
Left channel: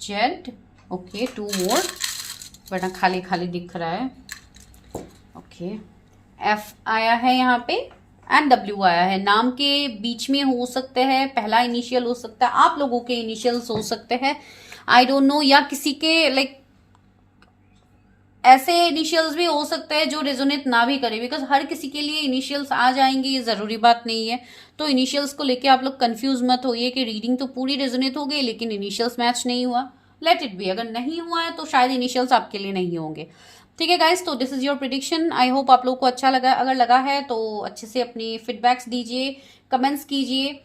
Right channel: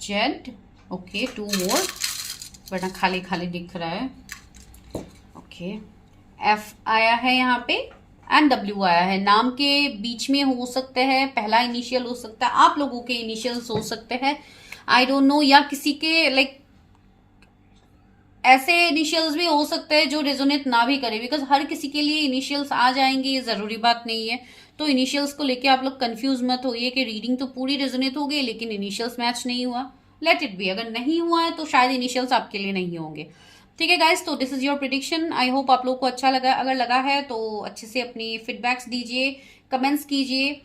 Z, okay 2 मोर, बड़ा खाली खाली दिख रहा है। ओके, F आया है यहाँ पे एंड W आया है। नाम के बीच में हो सकते हैं, पहला इनिशियल हो सकता है, आप लोगों के इनिशियल्स हो सकते हैं, आई डोंट नो, या किसी के लाइक ऐसे इनिशियल्स भी हो सकते हैं जो रेजोनेट ना भी करे, बिकॉज हर किसी के लिए इनिशियल्स आ जाएंगे ये जरूरी बात नहीं है। तो इनिशियल्स को लेके आप लोग कंफ्यूज मत होइए कि रीडिंग तो पूरी रेजोनेट हो गई लेकिन इनिशियल्स मैच नहीं हुआ। लेट इट बी, अगर नहीं हुआ है तो शायद इनिशियल्स आपके लिए नहीं होंगे। ठीक है गाइस, तो this is your prediction. I hope आप लोग को अच्छा लगा। अगर लगा है तो अच्छे से अपनी फीडबैक्स दीजिए, कमेंट्स कीजिए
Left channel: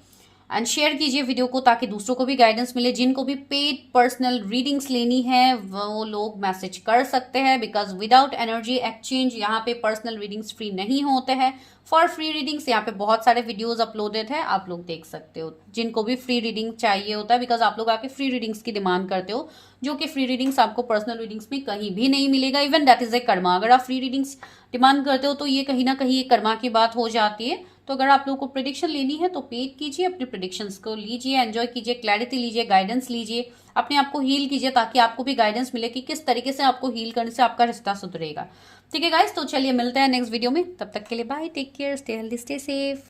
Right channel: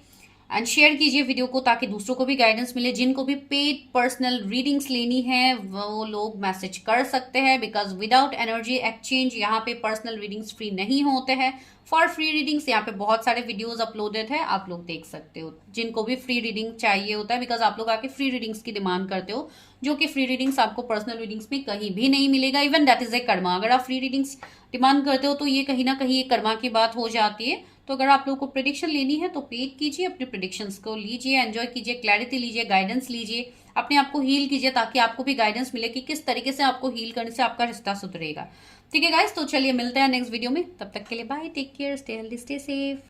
एंड शेयर कीजिए वीडियो को, ताकि दूसरों को भी गाइडेंस मिले। जिनको भी पेड पर्सनल रीडिंग्स लेनी है वो लोग मैसेज कर सकते हैं, बिकॉज विदाउट एनर्जी एक्सचेंज यहाँ पे पर्सनल रीडिंग्स फ्री नहीं होते हैं। फॉर फ्री रीडिंग्स यहाँ पे बहुत सारे वीडियोस अपलोडेड है, आप लोग देख सकते हो। जिनको भी फ्री रीडिंग चाहिए होता है, बिकॉज आप लोग आके फ्री रीडिंग्स की डिमांड करते हो, जो कि फ्री रीडिंग्स आपको पर्सनल रीडिंग्स में कहीं भी नहीं मिलेगा। Even that is a Karma. अगर आप फ्री रीडिंग्स डिमांड करते हो तो ये कहीं ना कहीं एक कर्मा की बात हो जाती है। तो अगर आप लोगों को प्रिडिक्शन लेनी है तो पेड कीजिए, अपने प्रिडिक्शंस को लीजिए, एंजॉय कीजिए, क्लैरिटी लीजिए, गाइडेंस लीजिए, अपने आप को हील कीजिए, ताकि आपको भी गाइडेंस मिले कि किस तरीके से आपको हील करने से आपका रिश्ता सुधरेगा। ठीक है गाइस, तो चलिए मिलते हैं नेक्स्ट वीडियो में। तब तक के लिए bye, take care, stay healthy, stay safe.